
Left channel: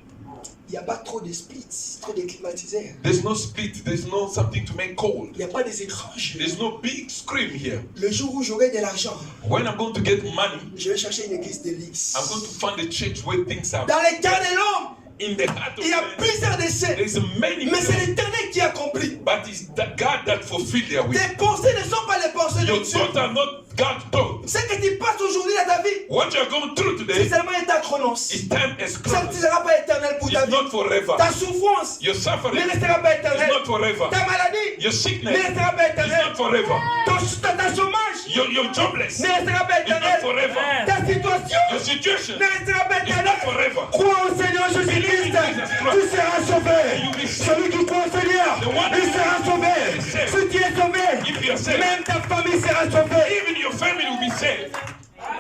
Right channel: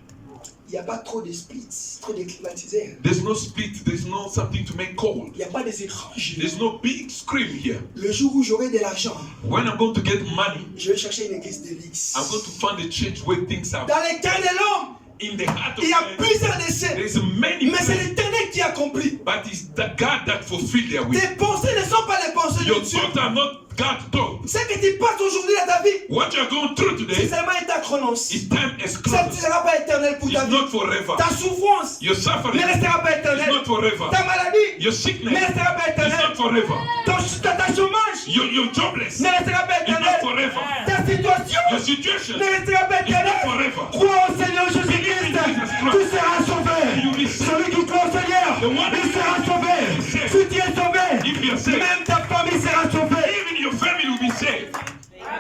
il n'y a pas trop de splits, trop de climatiseurs. there's no split, there's no something to make cold. Il n'y a pas des écrans. There's no big screen here. Le jour où j'aurai de l'argent, When I'm going to get money, je vais chercher une église de luxe. I'm going to find a church where things are Dans les cœurs de l'homme, in the heart of il y a man. plusieurs décès. There's many, Mais c'est l'Éternel qui accomplit. but it's the God that fulfilled their will. Tes pensées ne sont pas les pensées de Your Dieu. thoughts are not God's thoughts. Ce que tu passes aujourd'hui dans ta vie, What you're going through c'est today seulement ta chronos. is time as Ça close. ne sera pas éternel pour ta It's vie. not forever. Ta souffrance Your suffering ne restera pas is éternelle. not forever. Ta maladie Your ne sickness restera pas is éternelle. not forever. Ta chômage Your jobless ne is restera pas not éternelle. forever. Ta situation Your situation ne restera pas is not éternelle. forever. Crois au Seigneur Jésus-Christ, tu seras sauvé. Celui qui croit au Seigneur, il sera sauvé. Si tu es sauvé, même ta famille sera sauvée. Even your family will be saved.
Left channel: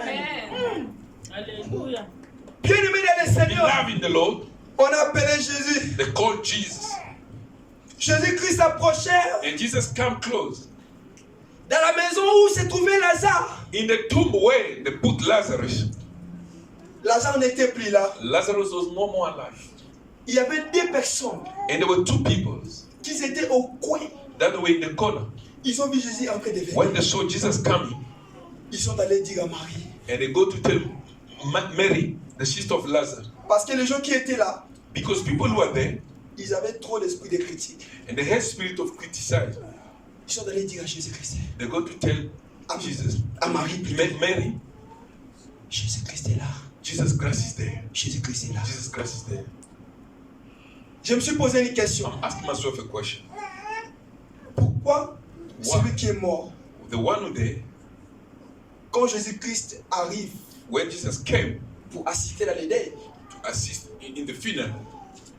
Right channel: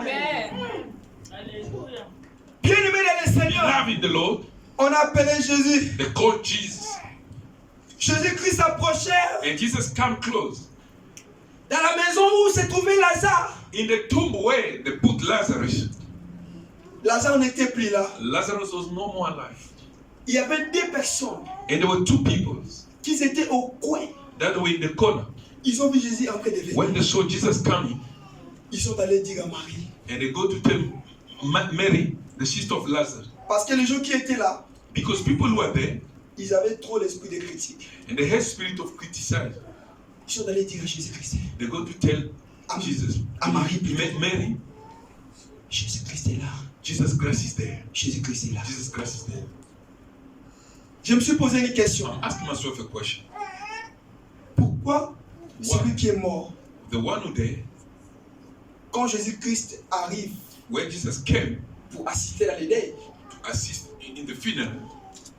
Amen. Alléluia. Bien-aimé dans le Seigneur, Loving the Lord, on a appelé Jésus. they called Jesus. Jésus-Christ approchait And Jesus came close. dans la maison où se trouvait Lazare. In the tomb where they put Lazarus, Lazare n'était plus là. Lazarus was no more alive. Il y avait deux personnes And there were two people qui étaient au coin. that were in the corner. Ils ont vu Jésus en train de venir. When they saw Jesus coming, Ils sont allés dire à Marie. and they go to tell Mary, the sister of Lazarus, Parce que les gens qui étaient là, because people who are there, ils avaient trop l'esprit de critique. and they had spirit of criticize, Ils sont allés dire à Jésus-Christ. they go to tell Jesus, À Marie plutôt. Mary, Jésus-Christ est là. Jesus Christ is there. Jésus-Christ est là. Jesus Christ is there. Je me suis posé une question. I'm asking myself a question. Pourquoi celui qui est mort, The one who there, quand Jésus-Christ arrive when Jesus came pour assister à l'idée, to assist in the funeral,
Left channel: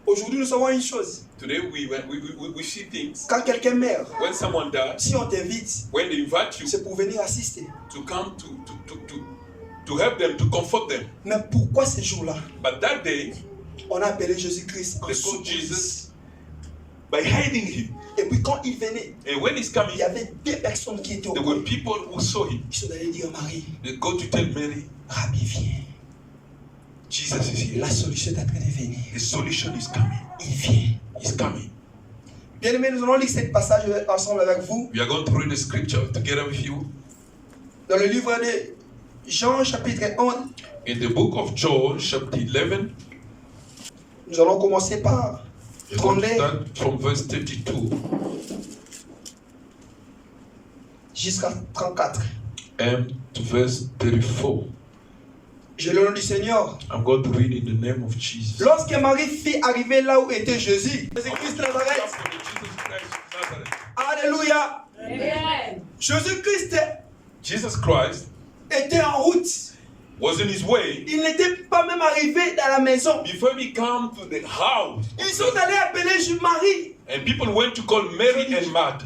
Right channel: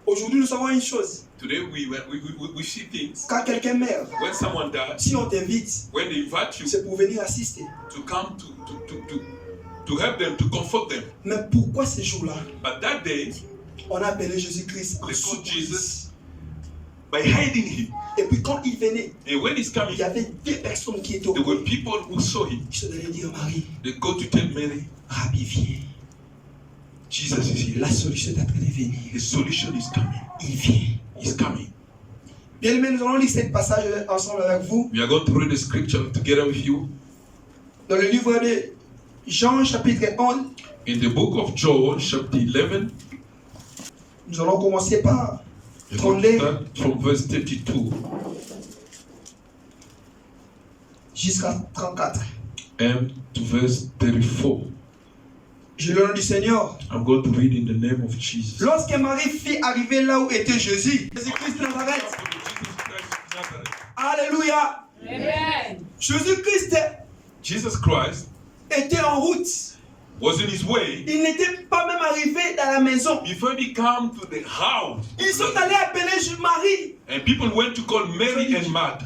aujourd'hui nous savons une chose. today we see things. Quand quelqu'un meurt, When someone dies, si on t'invite, when they invite you c'est pour venir assister. to come to help them, to comfort them. Mais pourquoi ce jour-là, But that day, on a appelé Jésus-Christ en they called surprise. Jesus by hiding him. Et puis quand il venait, And when he's il coming, y avait deux personnes qui étaient au there coin. were people who saw him. Ils sont allés dire à Marie, They go to tell Mary, Rabbi, viens. Jesus is here. La solution est en train de venir. The solution is coming. Il vient. He's coming. Bien aimé, nous allons lire ce passage ensemble avec vous. We are going to read the scripture together with you. Dans le livre de Jean, chapitre 1, In the book of John, chapter 11, nous allons commencer par we're going to 32 start from verse 32 jusqu'à 34. and to verse 34. Je lis le nom du Seigneur. I'm going to read in the name of Jesus. Lorsque Marie fit arriver là où était Jésus, Jésus-Christ de Nazareth, alléluia, Amen. Jésus-Christ Jesus Christ était en route. was in his way. Il n'était pas même arrivé dans la maison. Before he came to the house, Ils sont allés appeler Marie. and people went to call Mary and Martha.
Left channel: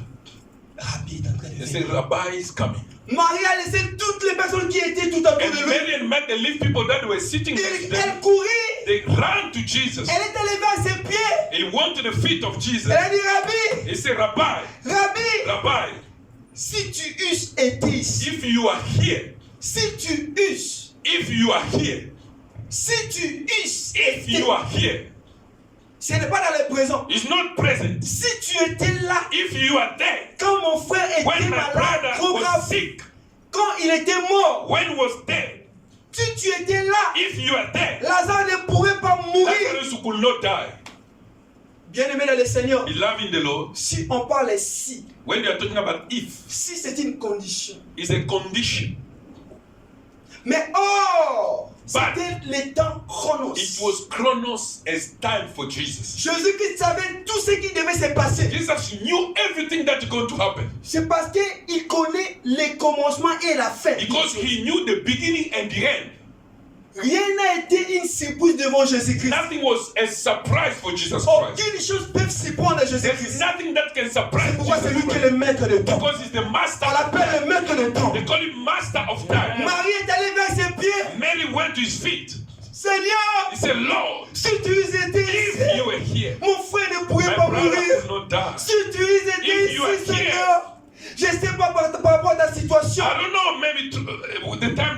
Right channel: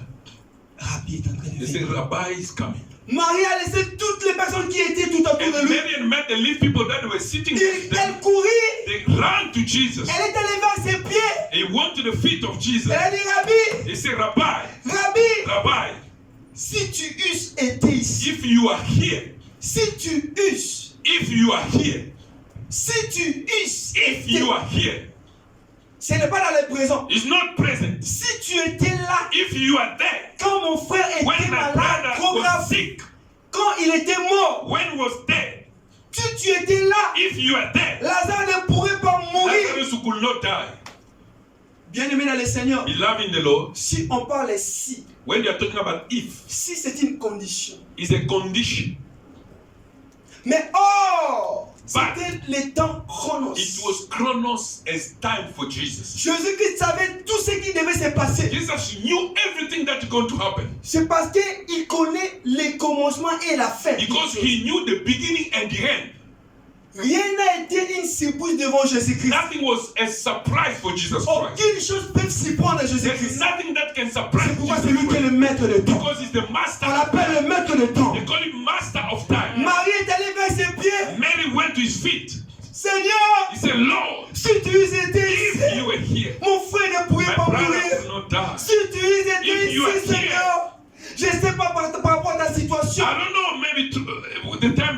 Rabbi est en train de They said, venir. Rabbi is coming. Marie a laissé toutes les personnes qui étaient tout autour de And lui. Mary and Martha left people that were sitting next to them. Elle courit. They ran to Jesus. Elle est allée vers ses pieds. He went to the feet of Jesus. Elle a dit, Rabbi, He said, Rabbi, Rabbi, Rabbi, si tu eusses été ici, if you are here, si tu eusses, if you are here, si tu eusses if été, you are here, ce n'est pas dans le présent. it's not present. Si tu étais là, If you are there, quand mon frère était when my malade, brother trop was grave, sick, quand il était mort, when he was dead, si tu étais là, if you are there, Lazare ne pourrait pas mourir. Lazarus could not die. Bien-aimé dans le Seigneur, Beloved in the Lord, si on parle si, when you are talking about if, si c'est une condition. it's a condition. Mais or, c'était le temps chronos. It was Chronos as time for Jesus. Jésus-Christ savait tout ce qui devait se passer. Jesus knew everything that's going to happen C'est parce qu'il connaît le commencement et la fin. because he knew the beginning and the end. Rien n'a été une surprise devant Jésus-Christ. Nothing was a surprise for Jesus Christ. Aucune chose peut surprendre There's Jésus-Christ. nothing that can C'est surprise pourquoi c'est lui qui est Jesus le maître de temps. because he's the master. On l'appelle le maître de temps. They call him master of time. Marie est allée vers ses pieds. Mary went to his feet. Seigneur, He said, Lord, si tu étais if ici, you were here, mon frère ne pourrait my pas brother mourir. would not die. Si tu étais If you are ici, Seigneur, je ne sais pas par rapport à ta situation. I don't know, maybe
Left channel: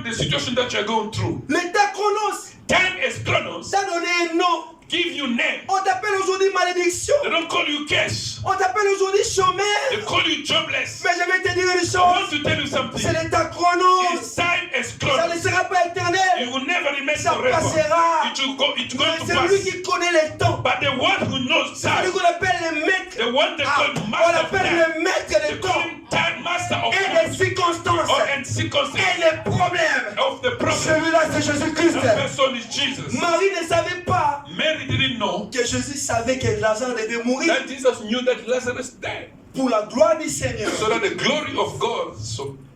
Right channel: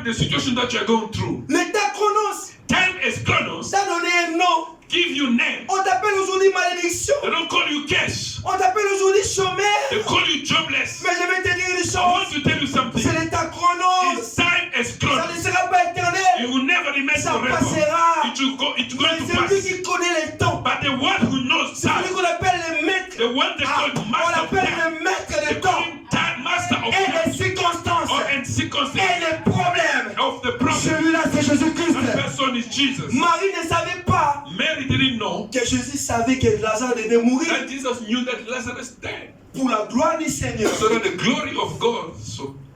the situation that you're going through. L'état chronos Time is chronos. t'a donné un nom. Give you name. On t'appelle aujourd'hui malédiction. They don't call you cash. On t'appelle aujourd'hui chômeur. They call you jobless. Mais je vais te dire une I want chose. to tell you something. C'est l'état chronos. It's time is Ça chronos. ne sera pas It éternel. will never remain Ça forever. passera. It's going to C'est lui pass. qui connaît les temps. But the one who knows C'est lui time, qu'on appelle le maître. the one they call On master of l'appelle time, le maître they de call temps. him time master of Et time les circonstances. or and Et circumstances les problèmes. of the problem. Celui-là, c'est Jésus-Christ. That person is Jesus. Marie ne savait pas Mary didn't know que Jésus savait que Lazare devait mourir that Jesus knew that Lazarus died. pour la gloire du Seigneur. So that the glory of God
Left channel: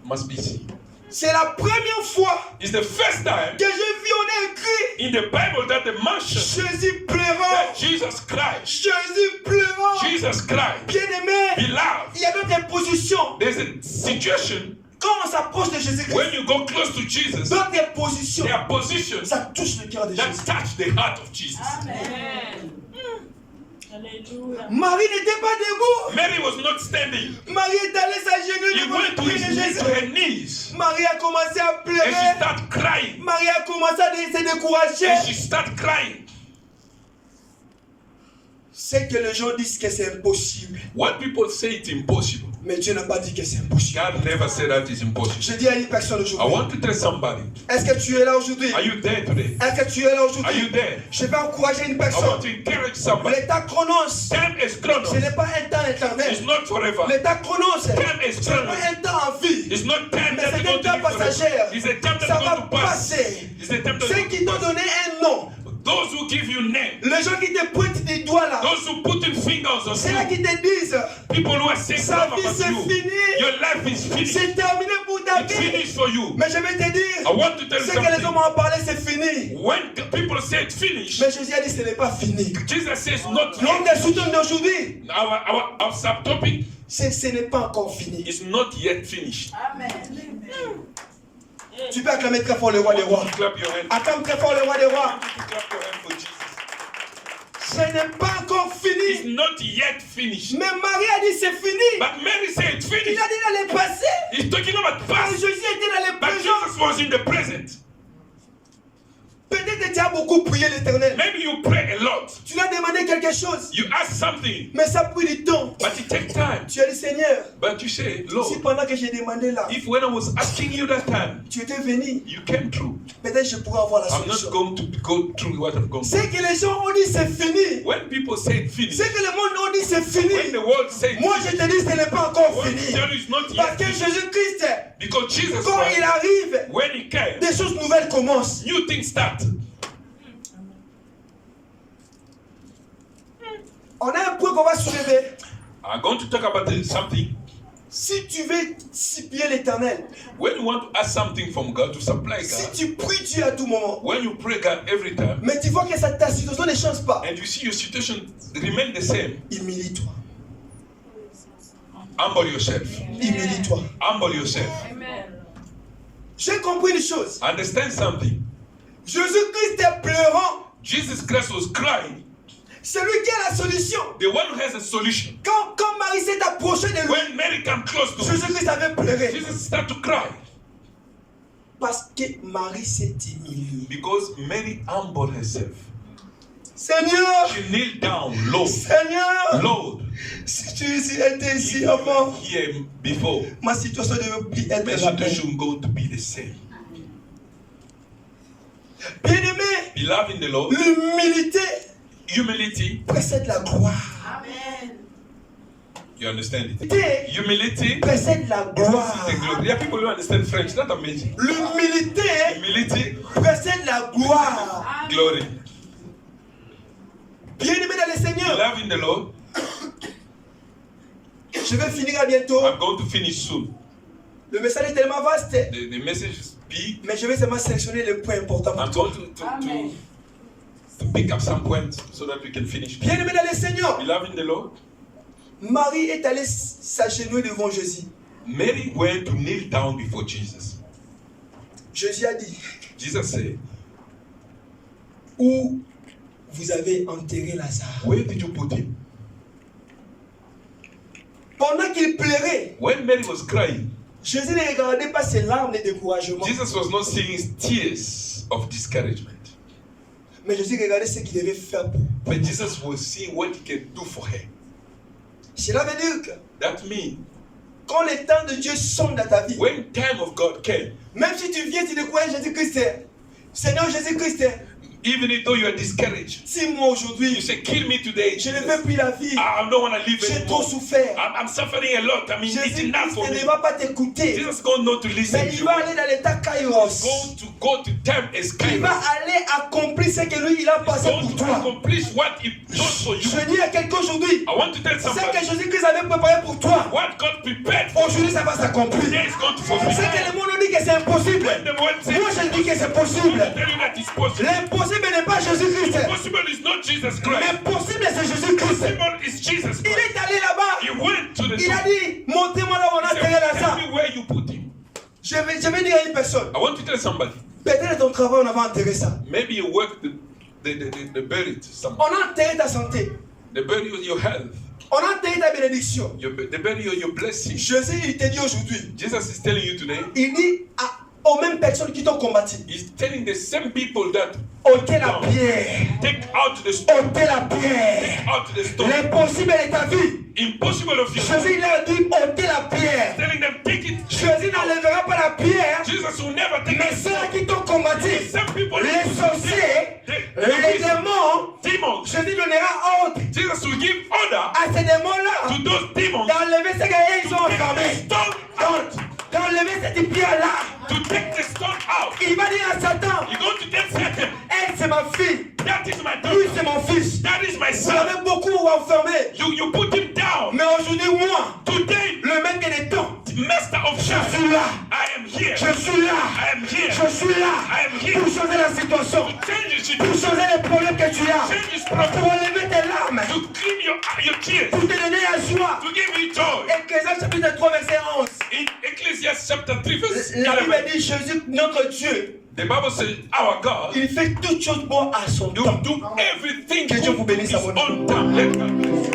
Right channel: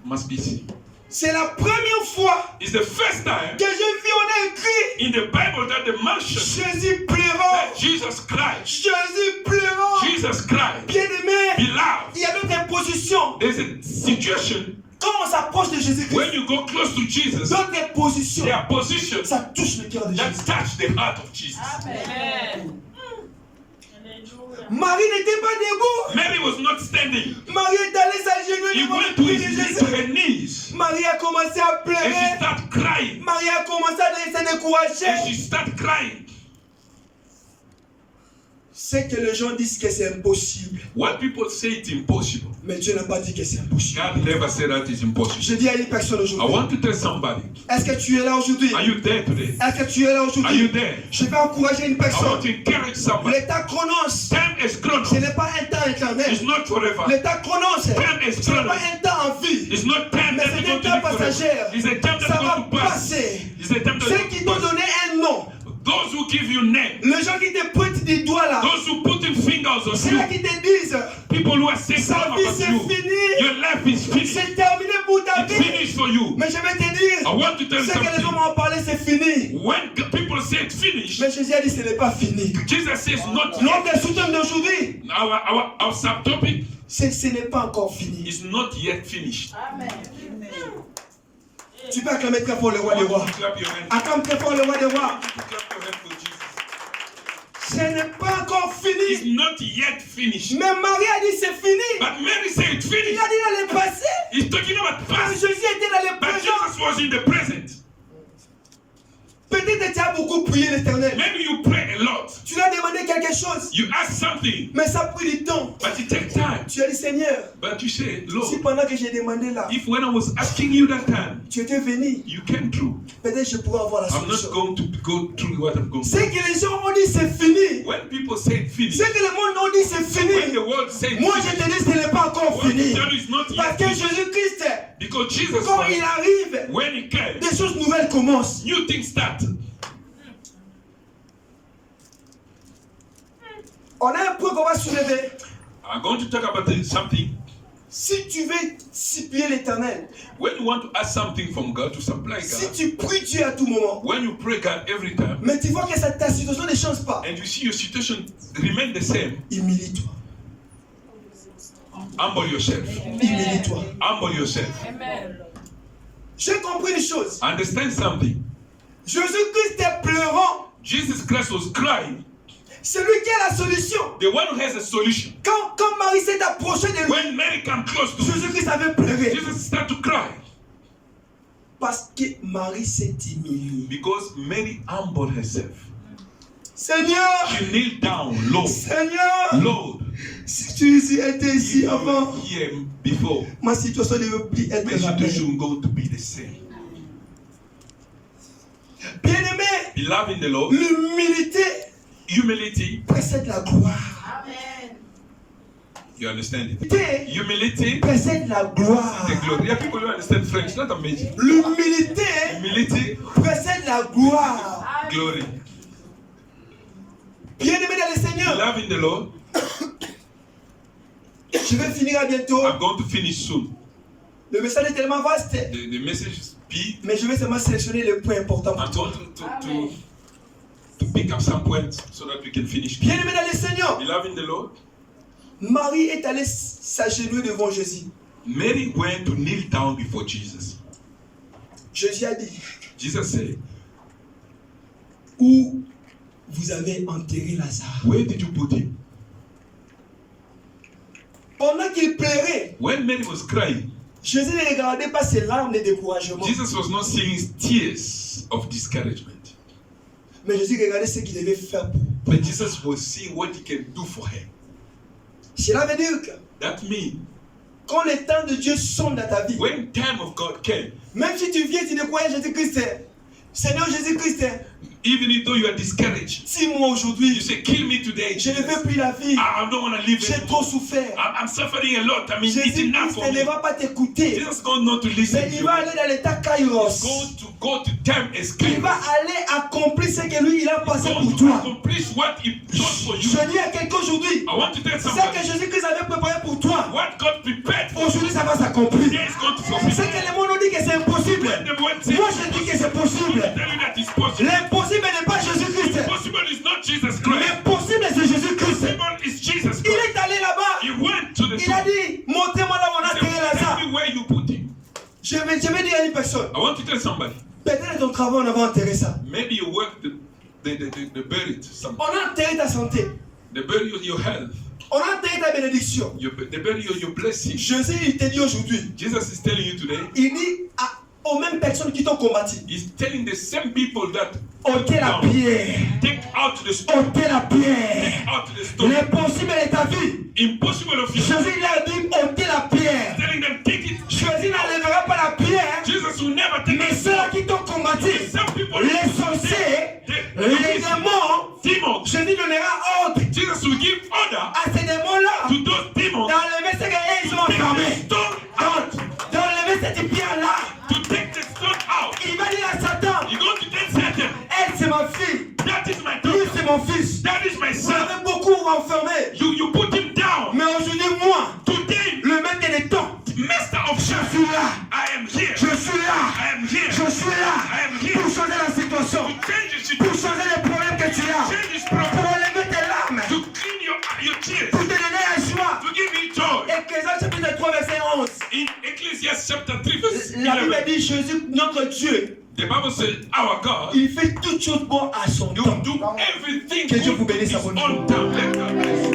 must be seen. C'est la première fois It's the first time que je vis, on a écrit in the Bible that the mention Jésus pleurant. that Jesus cried. Jésus pleurant. Jesus cried. Bien-aimé, Beloved, il y a d'autres positions. there's a situation Quand on s'approche de Jésus-Christ, when you go close to Jesus, d'autres positions, there are positions ça touche le cœur de that Jésus. touch the heart of Jesus. Amen. Alléluia. Marie n'était pas debout. Mary was not standing. Marie est allée s'agenouiller He devant le went to pied his de knees, to Jésus. her knees, Marie a commencé à and she pleurer. started crying. Marie a commencé à se And décourager. she started crying. C'est que les gens disent que c'est impossible. What people say it's impossible. Mais Dieu n'a pas dit que c'est impossible. God never said that it's impossible. Je dis à une personne I aujourd'hui, want to tell somebody, est-ce que tu es là aujourd'hui? are you there today? Est-ce que tu es là Are you aujourd'hui? there? Je vais encourager une I personne. want to encourage somebody. L'état chronos, Time is chronos. ce n'est pas un temps It's éternel. not forever. L'état chronos, ce Time is n'est pas chronos. un temps en vie. It's not time Mais that c'est is un going to temps be forever. passager. It's a time Ça that's va going to pass. passer. It's a time that's Ceux going qui to t'ont pass. donné un nom, Those who give you name, les gens qui te pointent des doigts là, those who put in fingers on c'est là you, qui te disent, people who are saying sa stuff vie about c'est you, fini, your life is finished. c'est terminé pour ta It's vie. finished for you. Mais je vais te I dire, want to tell you ce que les hommes something. ont parlé, c'est fini. When people say it's finished, Mais Jésus a dit, ce n'est pas fini. Jesus says not L'homme yet. des sous-hommes d'aujourd'hui, Our subtopic ce n'est pas encore fini. is not yet finished. Amen. Tu peux acclamer très fort le roi des rois. Clap your hands. Acclame très fort le roi des rois. Clap your hands for Jesus. Ce n'est pas encore It's fini. not yet finished. Mais Marie a dit, c'est fini. But Mary said it's Il finished. a dit dans le passé. He's talking about Quand past. Jésus était dans le But présent, Jesus was in the present. peut-être que tu as beaucoup prié l'Éternel. Maybe you pray a lot. Tu lui as demandé quelque chose. You ask something, Mais ça a pris du temps. but it takes time. Tu as dit, Seigneur, But you say, si Lord, pendant que j'ai demandé là, if when I was asking you that time, tu étais venu, you came through, peut-être je pourrais avoir la I'm not solution. going to go through what I've gone C'est through. que les gens ont dit, c'est fini. When people say it's finished, C'est que le monde ont dit, c'est when fini. the world says Moi, je te dis, ce n'est pas encore what fini. you tell you is not Parce yet que finished. Jésus-Christ, Because Jesus quand Christ, il arrive, when he came, des choses nouvelles commencent. new things start. On a un point qu'on va soulever. I'm going to talk about something. Si tu veux supplier l'Éternel, When you want to ask something from God, to supply si God, tu pries Dieu à tout moment, when you pray God every time, mais tu vois que ta situation ne change pas, and you see your situation remain the same, humilie-toi. humble yourself. Humilie-toi. Humble yourself. Amen. J'ai compris une chose. Understand something. Jésus-Christ est pleurant. Jesus Christ was crying. Celui qui a la solution. The one who has a solution. Quand Marie s'est approchée de lui, When Mary came close to him, Jésus-Christ avait pleuré. Jesus started to cry Parce que Marie s'est humiliée. because Mary humbled herself. Seigneur, She kneeled down low. Seigneur, Lord, si tu étais ici if you avant, were here before, ma situation ne veut plus être my la même. situation going to be the same. Bien-aimé, Beloved in the Lord, l'humilité humility, précède la gloire. Amen. you understand it? L'humilité Humility, précède la gloire. the glory. There are people who understand French, not amazing. L'humilité Humility, précède la gloire. glory. Bien-aimé dans le Seigneur, Beloved in the Lord, je vais finir à bientôt. I'm going to finish soon. Le message est tellement vaste. The message is speak. Mais je vais seulement sélectionner les points importants I'm pour toi. going to pick up some points so that we can finish. Bien-aimé dans le Seigneur, Beloved in the Lord, Marie est allée s'agenouiller devant Jésus. Mary went to kneel down before Jesus. Jésus a dit, Jesus said, où vous avez enterré Lazare? where did you put him? Pendant qu'il pleurait, When Mary was crying, Jésus ne regardait pas ses larmes de découragement, Jesus was not seeing his tears of discouragement. mais Jésus regardait ce qu'il devait faire pour. But Jesus was seeing what he can do for her. Cela veut dire que That means quand le temps de Dieu sonne dans ta vie, when time of God came, même si tu viens, tu décourages Jésus-Christ, Seigneur Jésus-Christ, even though you are discouraged, tue-moi aujourd'hui, you say, kill me today. je ne Jesus. veux plus la vie, I don't want to live j'ai trop anymore. souffert. I'm suffering a lot. I mean, it's enough Jésus-Christ for ne me. va pas t'écouter, Jesus is going not to listen mais to il you. va aller dans l'état Kairos. Go to time as Il va Kairos. aller accomplir ce que lui, il a passé Go pour to toi. accomplish what he does for you. Je dis à quelqu'un aujourd'hui, I want to tell ce que somebody Jésus-Christ avait préparé pour toi, what God prepared for aujourd'hui ça va s'accomplir. today is going to fulfill. Ce que le monde nous dit que c'est impossible, When the word says, moi je dis que c'est possible. I tell you that it's possible. L'impossible n'est pas Jésus-Christ, Impossible is not Jesus Christ. l'impossible c'est Jésus-Christ. Possible is Jesus Il Christ. est allé là-bas, He went to the il a dit, montez-moi là où on a enterré Tell Lazare. me where you put him. Je vais dire à une personne, I want to tell somebody. peut-être ton travail on avait enterré ça. Maybe you work the buried something. On a enterré ta santé, The burial your health. on a enterré ta bénédiction. The burial your blessing. Jésus il te dit aujourd'hui, Jesus is telling you today. il dit aux mêmes personnes qui t'ont combattu, He's telling the same people that ôtez la pierre, take out the stone. ôtez la pierre. Out the stone. L'impossible de ta vie, Impossible of you. Jésus il a dit ôtez la pierre. Telling them take it. Jésus n'enlèvera pas la pierre, Jesus will never take mais it. ceux qui t'ont combattu, Some people. les sorciers, les démons, Demons. Jésus donnera ordre Jesus will give order à ces démons-là to those demons d'enlever ce qu'ils ont take the enfermé, stone out. d'enlever cette pierre-là. To take the stone out. Il va dire à Satan, You're going to get Satan. elle c'est ma fille, That is my lui daughter. c'est mon fils. That is my Vous son. l'avez beaucoup enfermé, You put him down. mais aujourd'hui moi, Today, le maître des temps, master of je shadows, suis là, I am here. je suis là, I am here. je suis là I am here. pour changer la situation, Change the pour situation. changer les problèmes que tu as, Change this pour problem. enlever tes larmes, To clean your tears. pour te donner la joie. To give me joy. Ecclésiaste chapitre 3 verset 11. In Ecclesiastes chapter 3 verse La Bible 11, dit Jésus, notre Dieu, the Bible says our God il fait toutes choses bonnes à son do temps. do everything Que Dieu good vous bénisse in à his mon own time. Let God bless you.